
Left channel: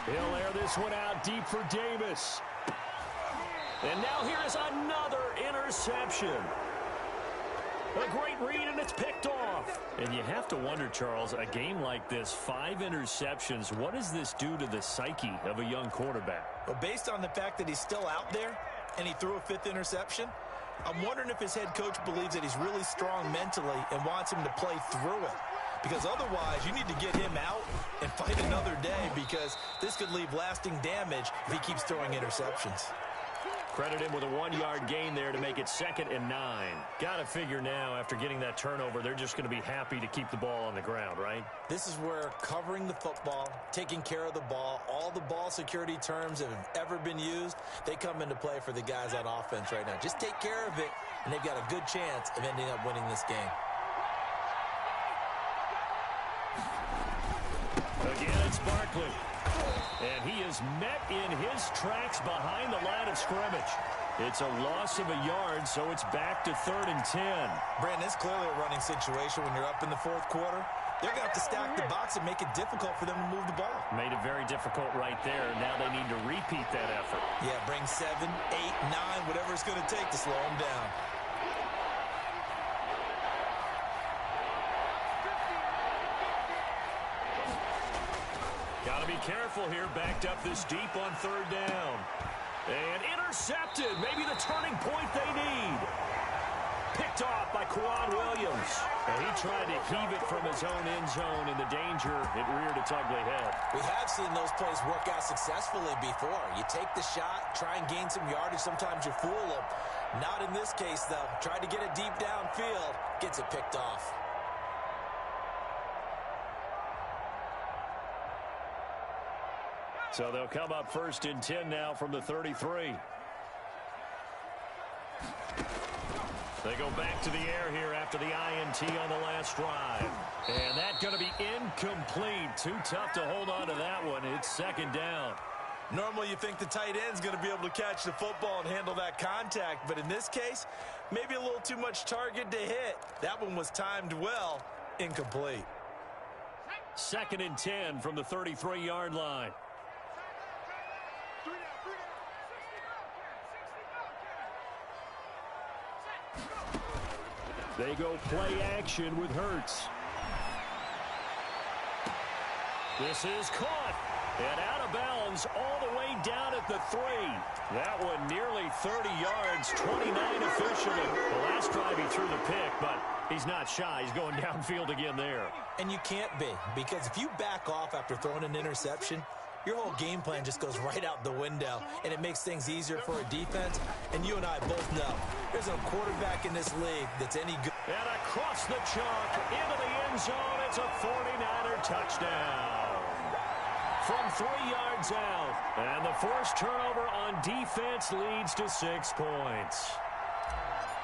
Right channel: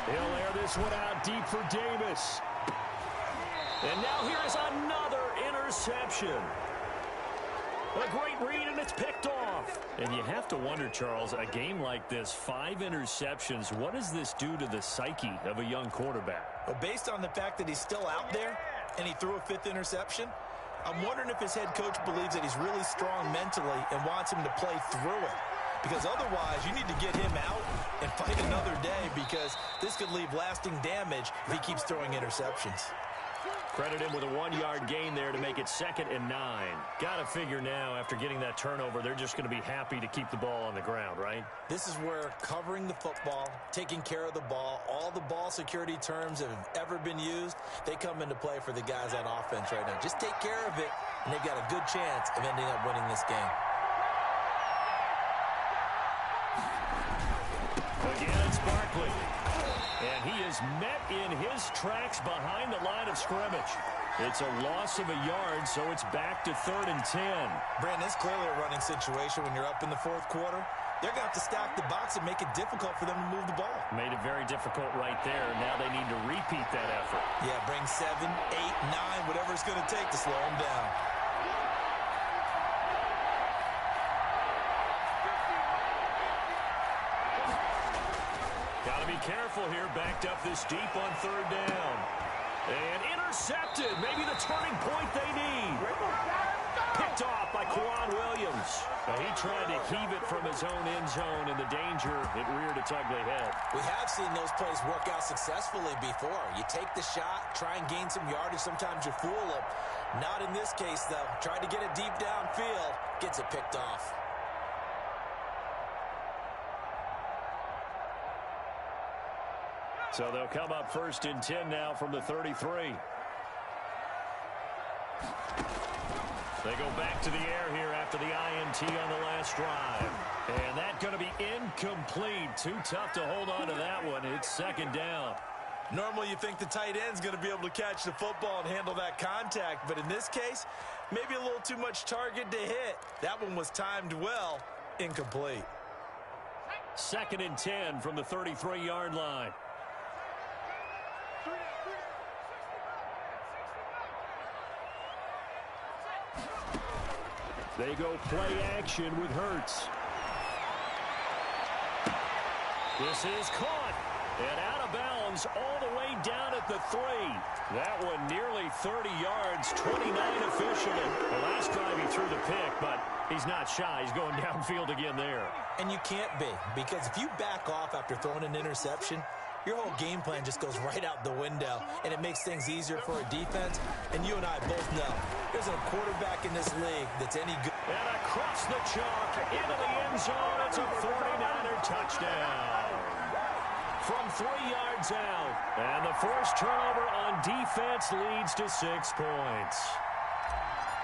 He'll air this one out deep for Davis. And now here is another interception. A great read, and it's picked off. And you have to wonder, Charles, a game like this, 5 interceptions, what does this do to the psyche of a young quarterback? Well, based on the fact that he's still out there and he threw a 5th interception, I'm wondering if his head coach believes that he's really strong mentally and wants him to play through it. Because otherwise, you need to get him out and fight another day, because this could leave lasting damage if he keeps throwing interceptions. Credit him with a 1-yard gain there to make it 2nd and 9. Got to figure now, after getting that turnover, they're just going to be happy to keep the ball on the ground, right? This is where covering the football, taking care of the ball, all the ball security terms that have ever been used, they come into play for the guys on offense right now. Just take care of it, and they've got a good chance of ending up winning this game. Again, it's Barkley. And he is met in his tracks behind the line of scrimmage. It's a loss of a yard, so it's back to 3rd and 10. Brandon, it's clearly a running situation when you're up in the 4th quarter. They're going to have to stack the box and make it difficult for them to move the ball. Made it very difficult right there. Now they need to repeat that effort. Yeah, bring 7, 8, 9, whatever it's going to take to slow them down. Got to be careful here, backed up this deep on 3rd down. And intercepted, maybe the turning point they need. Picked off by Quan Williams. And he tried to heave it from his own end zone, and the danger, it reared its ugly head. We have seen those plays work out successfully before. You take the shot, try and gain some yardage. Sometimes you fool them. Not in this case, though. Tried to get it deep downfield. Gets it picked off. So they'll come up 1st and 10 now from the 33. They go back to the air here after the INT on the last drive. And that's going to be incomplete. Too tough to hold on to that one. It's 2nd down. Normally you think the tight end's going to be able to catch the football and handle that contact. But in this case, maybe a little too much target to hit. That one was timed well. Incomplete. 2nd and 10 from the 33-yard line. They go play action with Hurts. This is caught and out of bounds Jones all the way down at the 3. That one nearly 30 yards, 29 officially. The last drive he threw the pick, but he's not shy. He's going downfield again there. And you can't be, because if you back off after throwing an interception, your whole game plan just goes right out the window, and it makes things easier for a defense. And you and I both know there's a quarterback in this league that's any good. And across the chalk into the end zone, it's a 49er touchdown. From 3 yards out. And the forced turnover on defense leads to 6 points.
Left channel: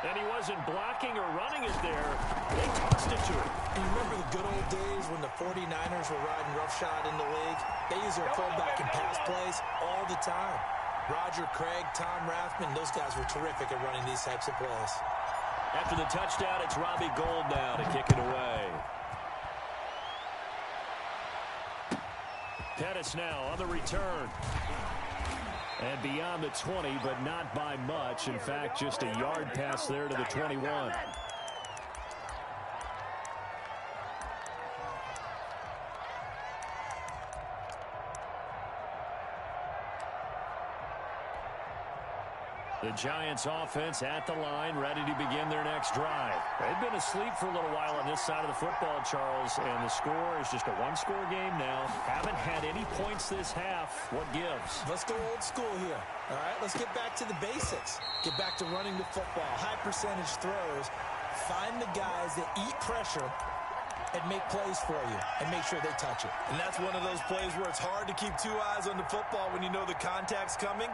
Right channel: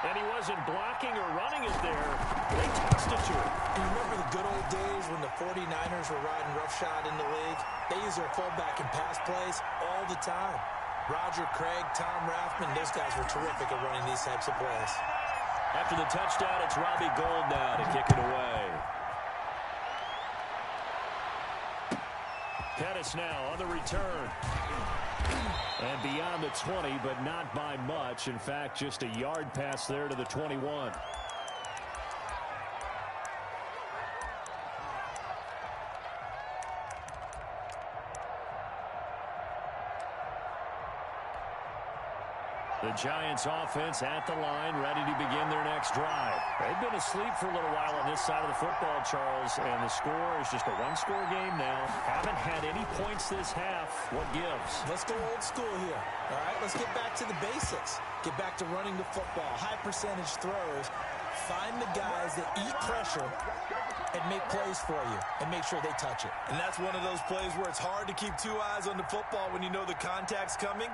And he wasn't blocking or running it there. They tossed it to him. And you remember the good old days when the 49ers were riding roughshod in the league? They used their fullback in pass plays all the time. Roger Craig, Tom Rathman, those guys were terrific at running these types of plays. After the touchdown, it's Robbie Gould now to kick it away. Pettis now on the return. And beyond the 20, but not by much. In fact, just a yard pass there to the 21. The Giants offense at the line, ready to begin their next drive. They've been asleep for a little while on this side of the football, Charles, and the score is just a one-score game now. Haven't had any points this half. What gives? Let's go old school here. All right, let's get back to the basics. Get back to running the football, high percentage throws. Find the guys that eat pressure and make plays for you and make sure they touch it. And that's one of those plays where it's hard to keep two eyes on the football when you know the contact's coming,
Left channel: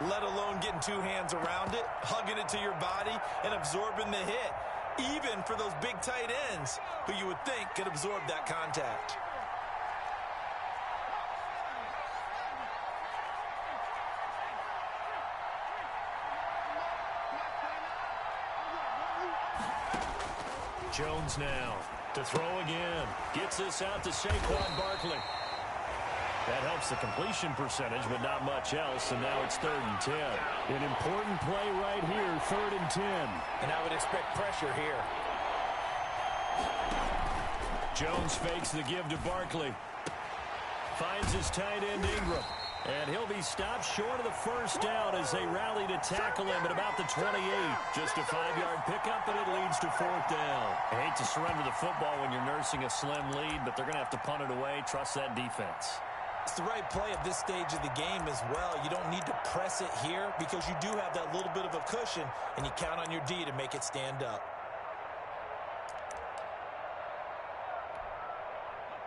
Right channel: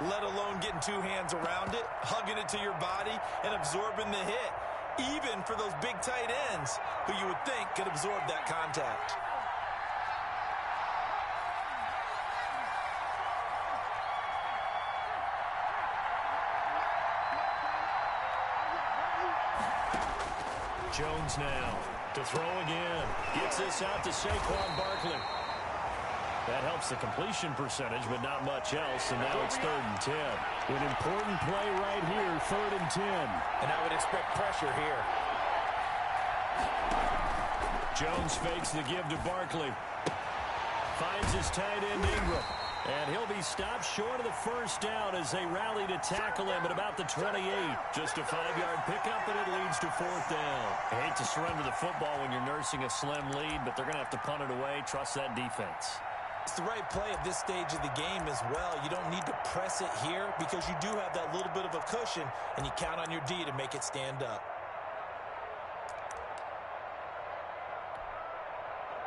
let alone getting two hands around it, hugging it to your body, and absorbing the hit, even for those big tight ends who you would think could absorb that contact. Jones now to throw again. Gets this out to Saquon Barkley. That helps the completion percentage, but not much else, and now it's 3rd and 10. An important play right here, 3rd and 10. And I would expect pressure here. Jones fakes the give to Barkley. Finds his tight end Ingram. And he'll be stopped short of the first down as they rally to tackle him at about the 28. Just a 5-yard pickup, and it leads to 4th down. I hate to surrender the football when you're nursing a slim lead, but they're going to have to punt it away. Trust that defense. It's the right play at this stage of the game as well. You don't need to press it here because you do have that little bit of a cushion, and you count on your D to make it stand up.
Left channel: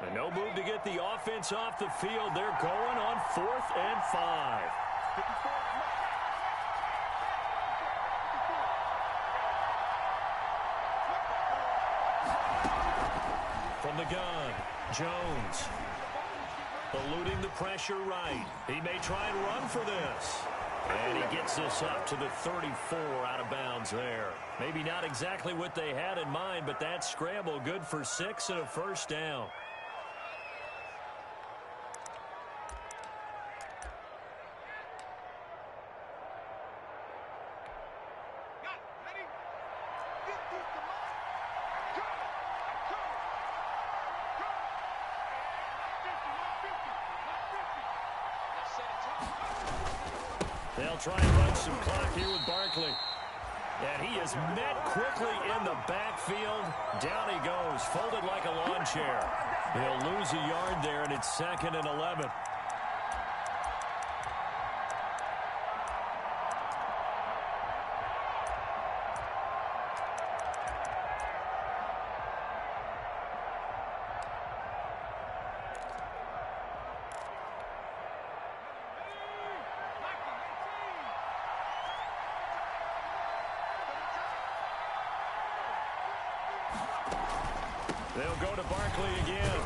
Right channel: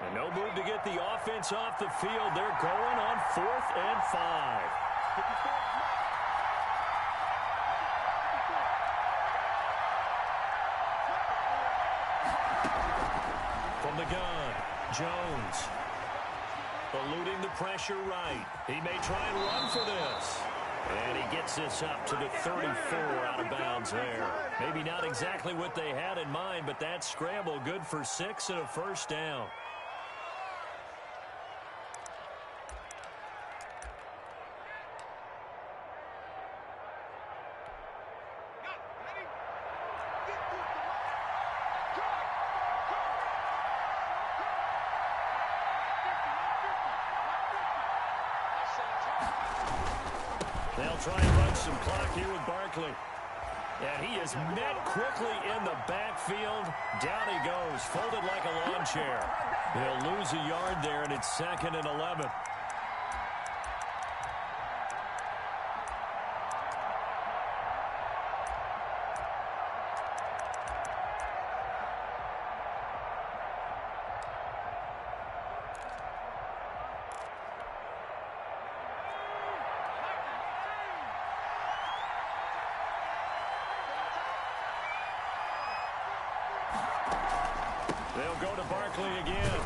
And no move to get the offense off the field. They're going on 4th and 5. From the gun, Jones. Eluding the pressure right. He may try and run for this. And he gets this up to the 34 out of bounds there. Maybe not exactly what they had in mind, but that scramble good for 6 and a first down. They'll try and run some clock here with Barkley. And he is met quickly in the backfield. Down he goes, folded like a lawn chair. He'll lose a yard there, and it's 2nd and 11. They'll go to Barkley again.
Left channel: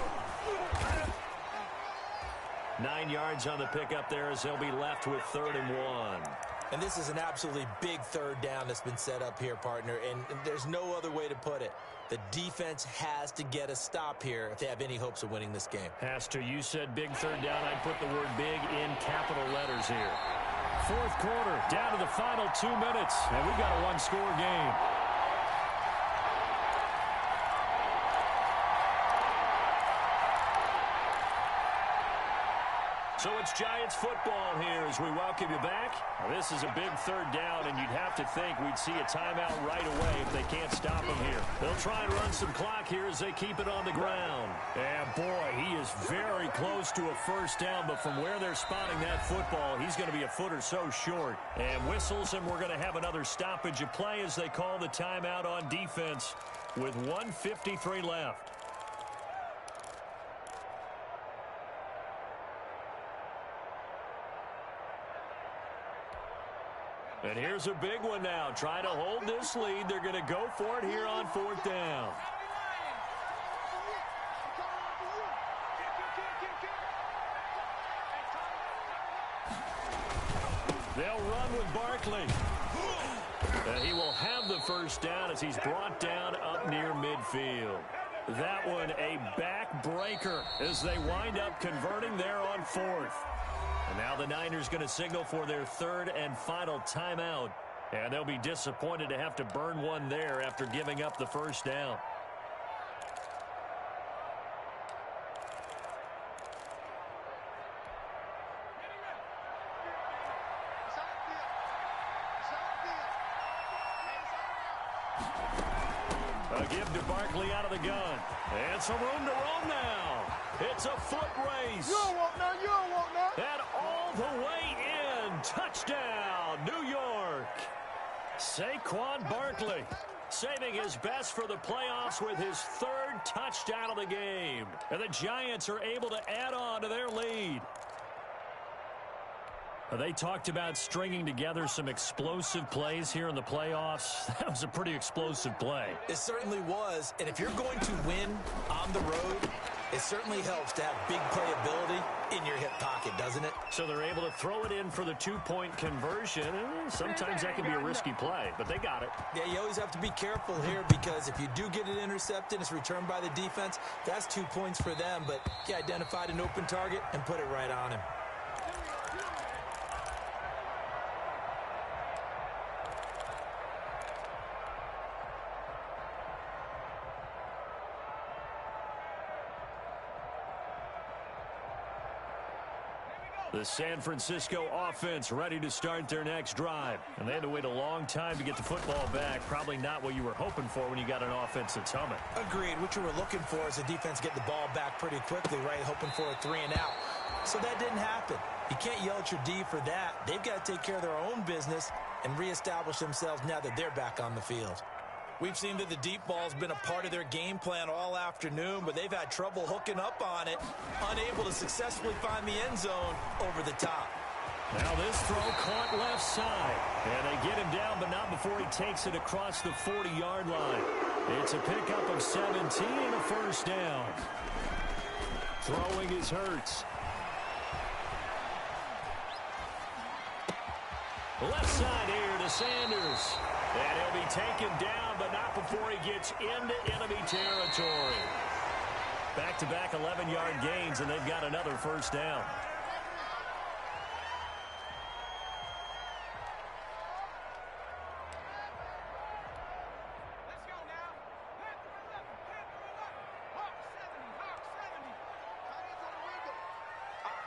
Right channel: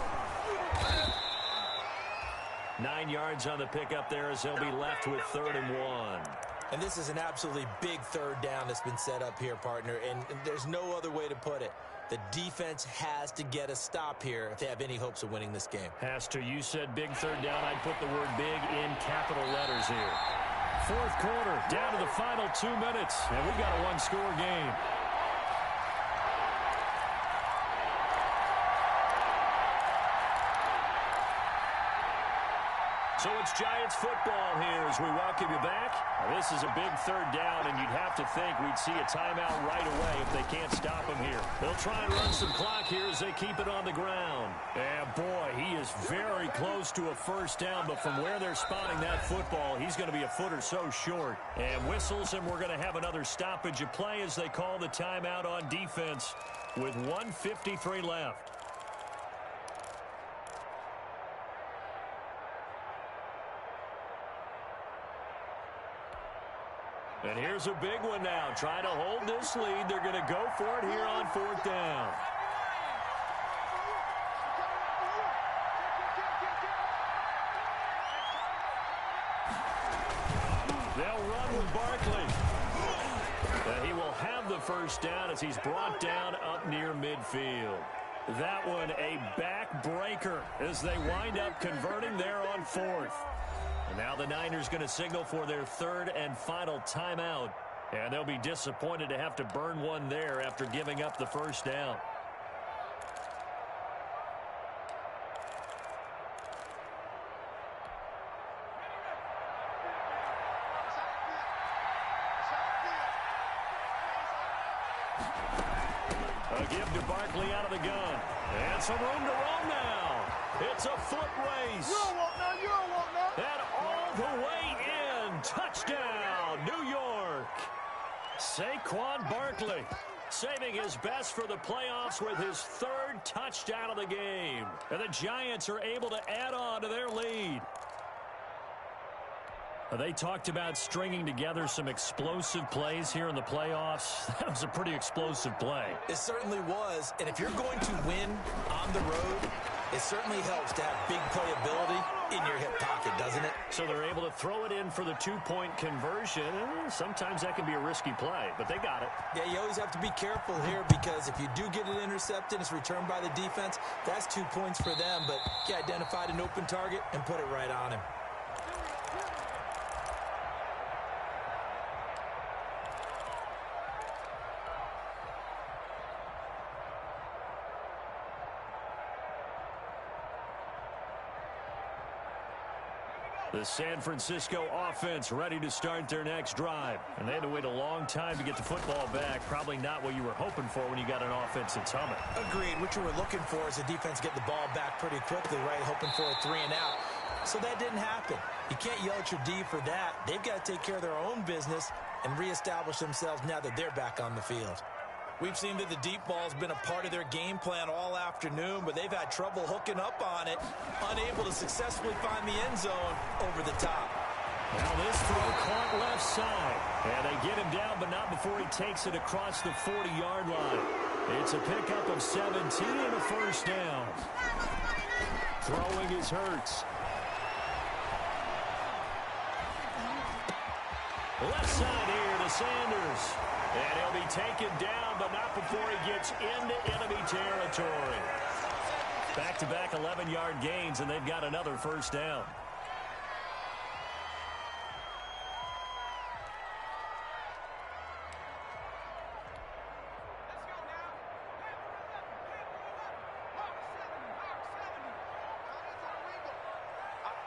9 yards on the pickup there as they'll be left with 3rd and 1. And this is an absolutely big 3rd down that's been set up here, partner, and there's no other way to put it. The defense has to get a stop here if they have any hopes of winning this game. Has to. You said big 3rd down. I'd put the word big in capital letters here. 4th quarter, down to the final 2 minutes, and we got a one-score game. So it's it's Giants football here as we welcome you back. This is a big third down, and you'd have to think we'd see a timeout right away if they can't stop him here. They'll try and run some clock here as they keep it on the ground. And, boy, he is very close to a first down, but from where they're spotting that football, he's going to be a foot or so short. And whistles, and we're going to have another stoppage of play as they call the timeout on defense with 1:53 left. And here's a big one now. Trying to hold this lead. They're going to go for it here on fourth down. They'll run with Barkley. And he will have the first down as he's brought down up near midfield. That one a backbreaker as they wind up converting there on fourth. And now the Niners going to signal for their third and final timeout. And they'll be disappointed to have to burn one there after giving up the first down. A give to Barkley out of the gun. And some room to roam now. It's a foot race. You don't want none. You don't want none. And all the way in. Touchdown, New York. Saquon Barkley saving his best for the playoffs with his third touchdown of the game. And the Giants are able to add on to their lead. They talked about stringing together some explosive plays here in the playoffs. That was a pretty explosive play. It certainly was. And if you're going to win on the road, it certainly helps to have big playability in your hip pocket, doesn't it? So they're able to throw it in for the two-point conversion. Sometimes that can be a risky play, but they got it. Yeah, you always have to be careful here because if you do get it intercepted, it's returned by the defense, that's 2 points for them. But he identified an open target and put it right on him. The San Francisco offense ready to start their next drive. And they had to wait a long time to get the football back. Probably not what you were hoping for when you got an offense that's humming. Agreed. What you were looking for is the defense get the ball back pretty quickly, right? Hoping for a 3 and out. So that didn't happen. You can't yell at your D for that. They've got to take care of their own business and reestablish themselves now that they're back on the field. We've seen that the deep ball's been a part of their game plan all afternoon, but they've had trouble hooking up on it, unable to successfully find the end zone over the top. Now this throw caught left side. And they get him down, but not before he takes it across the 40-yard line. It's a pickup of 17 and a first down. Throwing is Hurts. Left side here to Sanders. And he'll be taken down, but not before he gets into enemy territory. Back-to-back 11-yard gains, and they've got another first down. Let's go now. Panther 11. Panther 11. Hawk 70. Hawk 70. Giants on the wiggle. Out.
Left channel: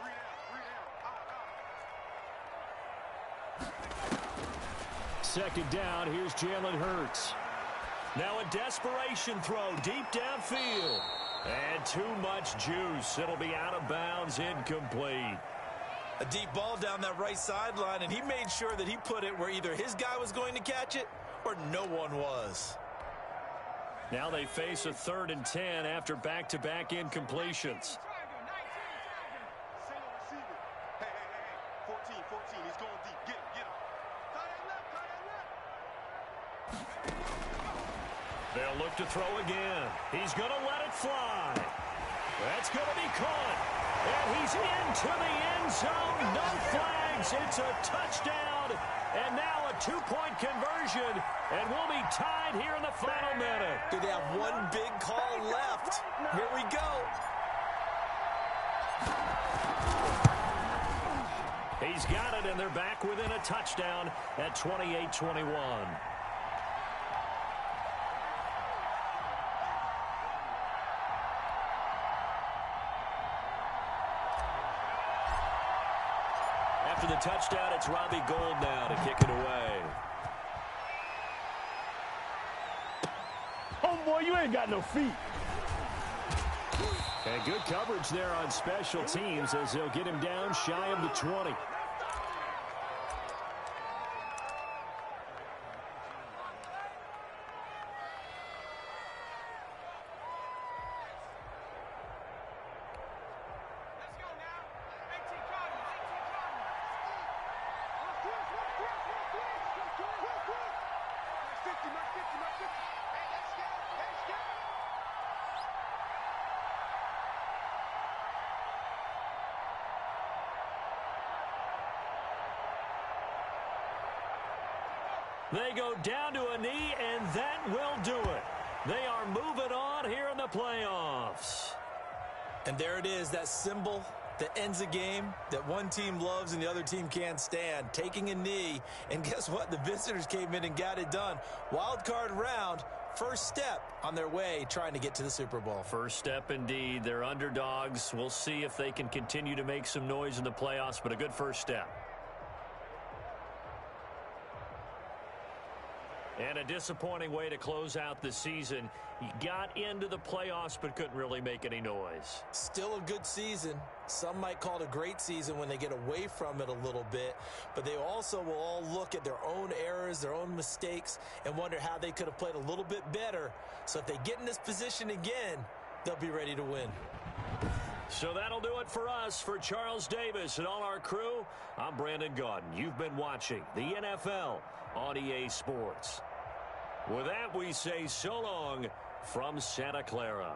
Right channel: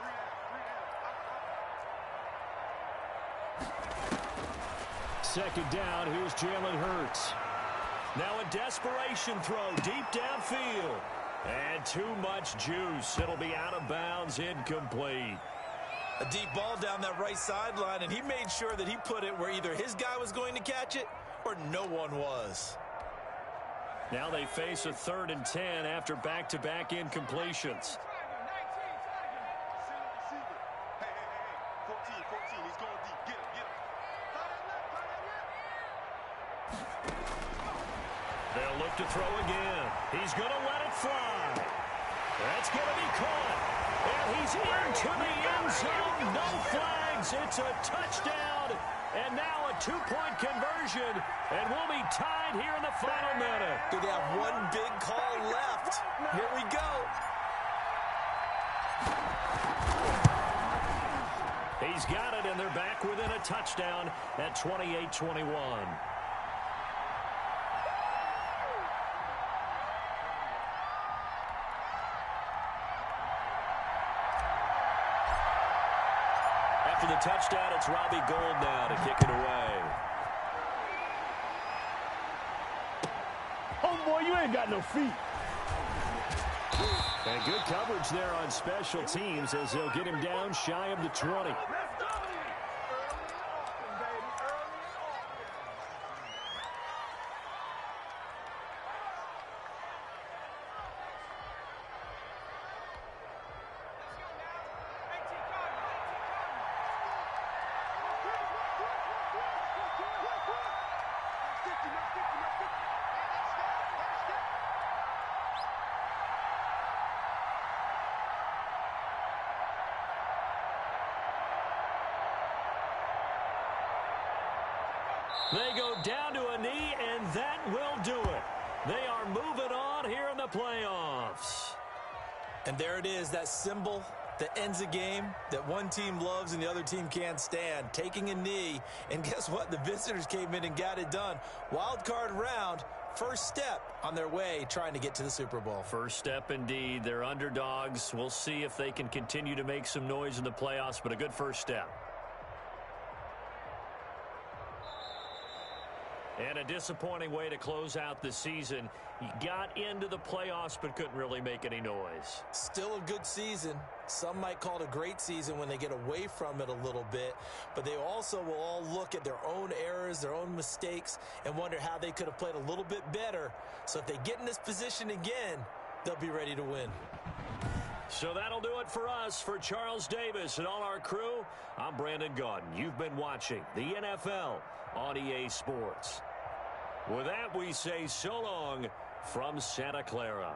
3 down. Out. Second down, here's Jalen Hurts. Now a desperation throw deep downfield. And too much juice. It'll be out of bounds, incomplete. A deep ball down that right sideline, and he made sure that he put it where either his guy was going to catch it or no one was. Now they face a 3rd and 10 after back-to-back incompletions. Tiger. 19. Tiger. Single receiver. Hey. 14. He's going deep. Get him. Tie that left. They'll look to throw again. He's going to let it fly. That's going to be caught. And he's into the end zone. No flags. It's a touchdown. And now a 2-point conversion. And we'll be tied here in the final minute. Do they have one big call left? Here we go. He's got it, and they're back within a touchdown at 28-21. after the touchdown, it's Robbie Gould now to kick it away. Homeboy, you ain't got no feet. And good coverage there on special teams as they'll get him down shy of the 20. They go down to a knee, and that will do it. They are moving on here in the playoffs. And there it is, that symbol that ends a game that one team loves and the other team can't stand, taking a knee. And guess what? The visitors came in and got it done. Wild card round, first step on their way trying to get to the Super Bowl. First step indeed. They're underdogs. We'll see if they can continue to make some noise in the playoffs, but a good first step. And a disappointing way to close out the season. He got into the playoffs but couldn't really make any noise. Still a good season. Some might call it a great season when they get away from it a little bit. But they also will all look at their own errors, their own mistakes, and wonder how they could have played a little bit better. So if they get in this position again, they'll be ready to win. So that'll do it for us. For Charles Davis and all our crew, I'm Brandon Gaudin. You've been watching the NFL on EA Sports. With that, we say so long from Santa Clara.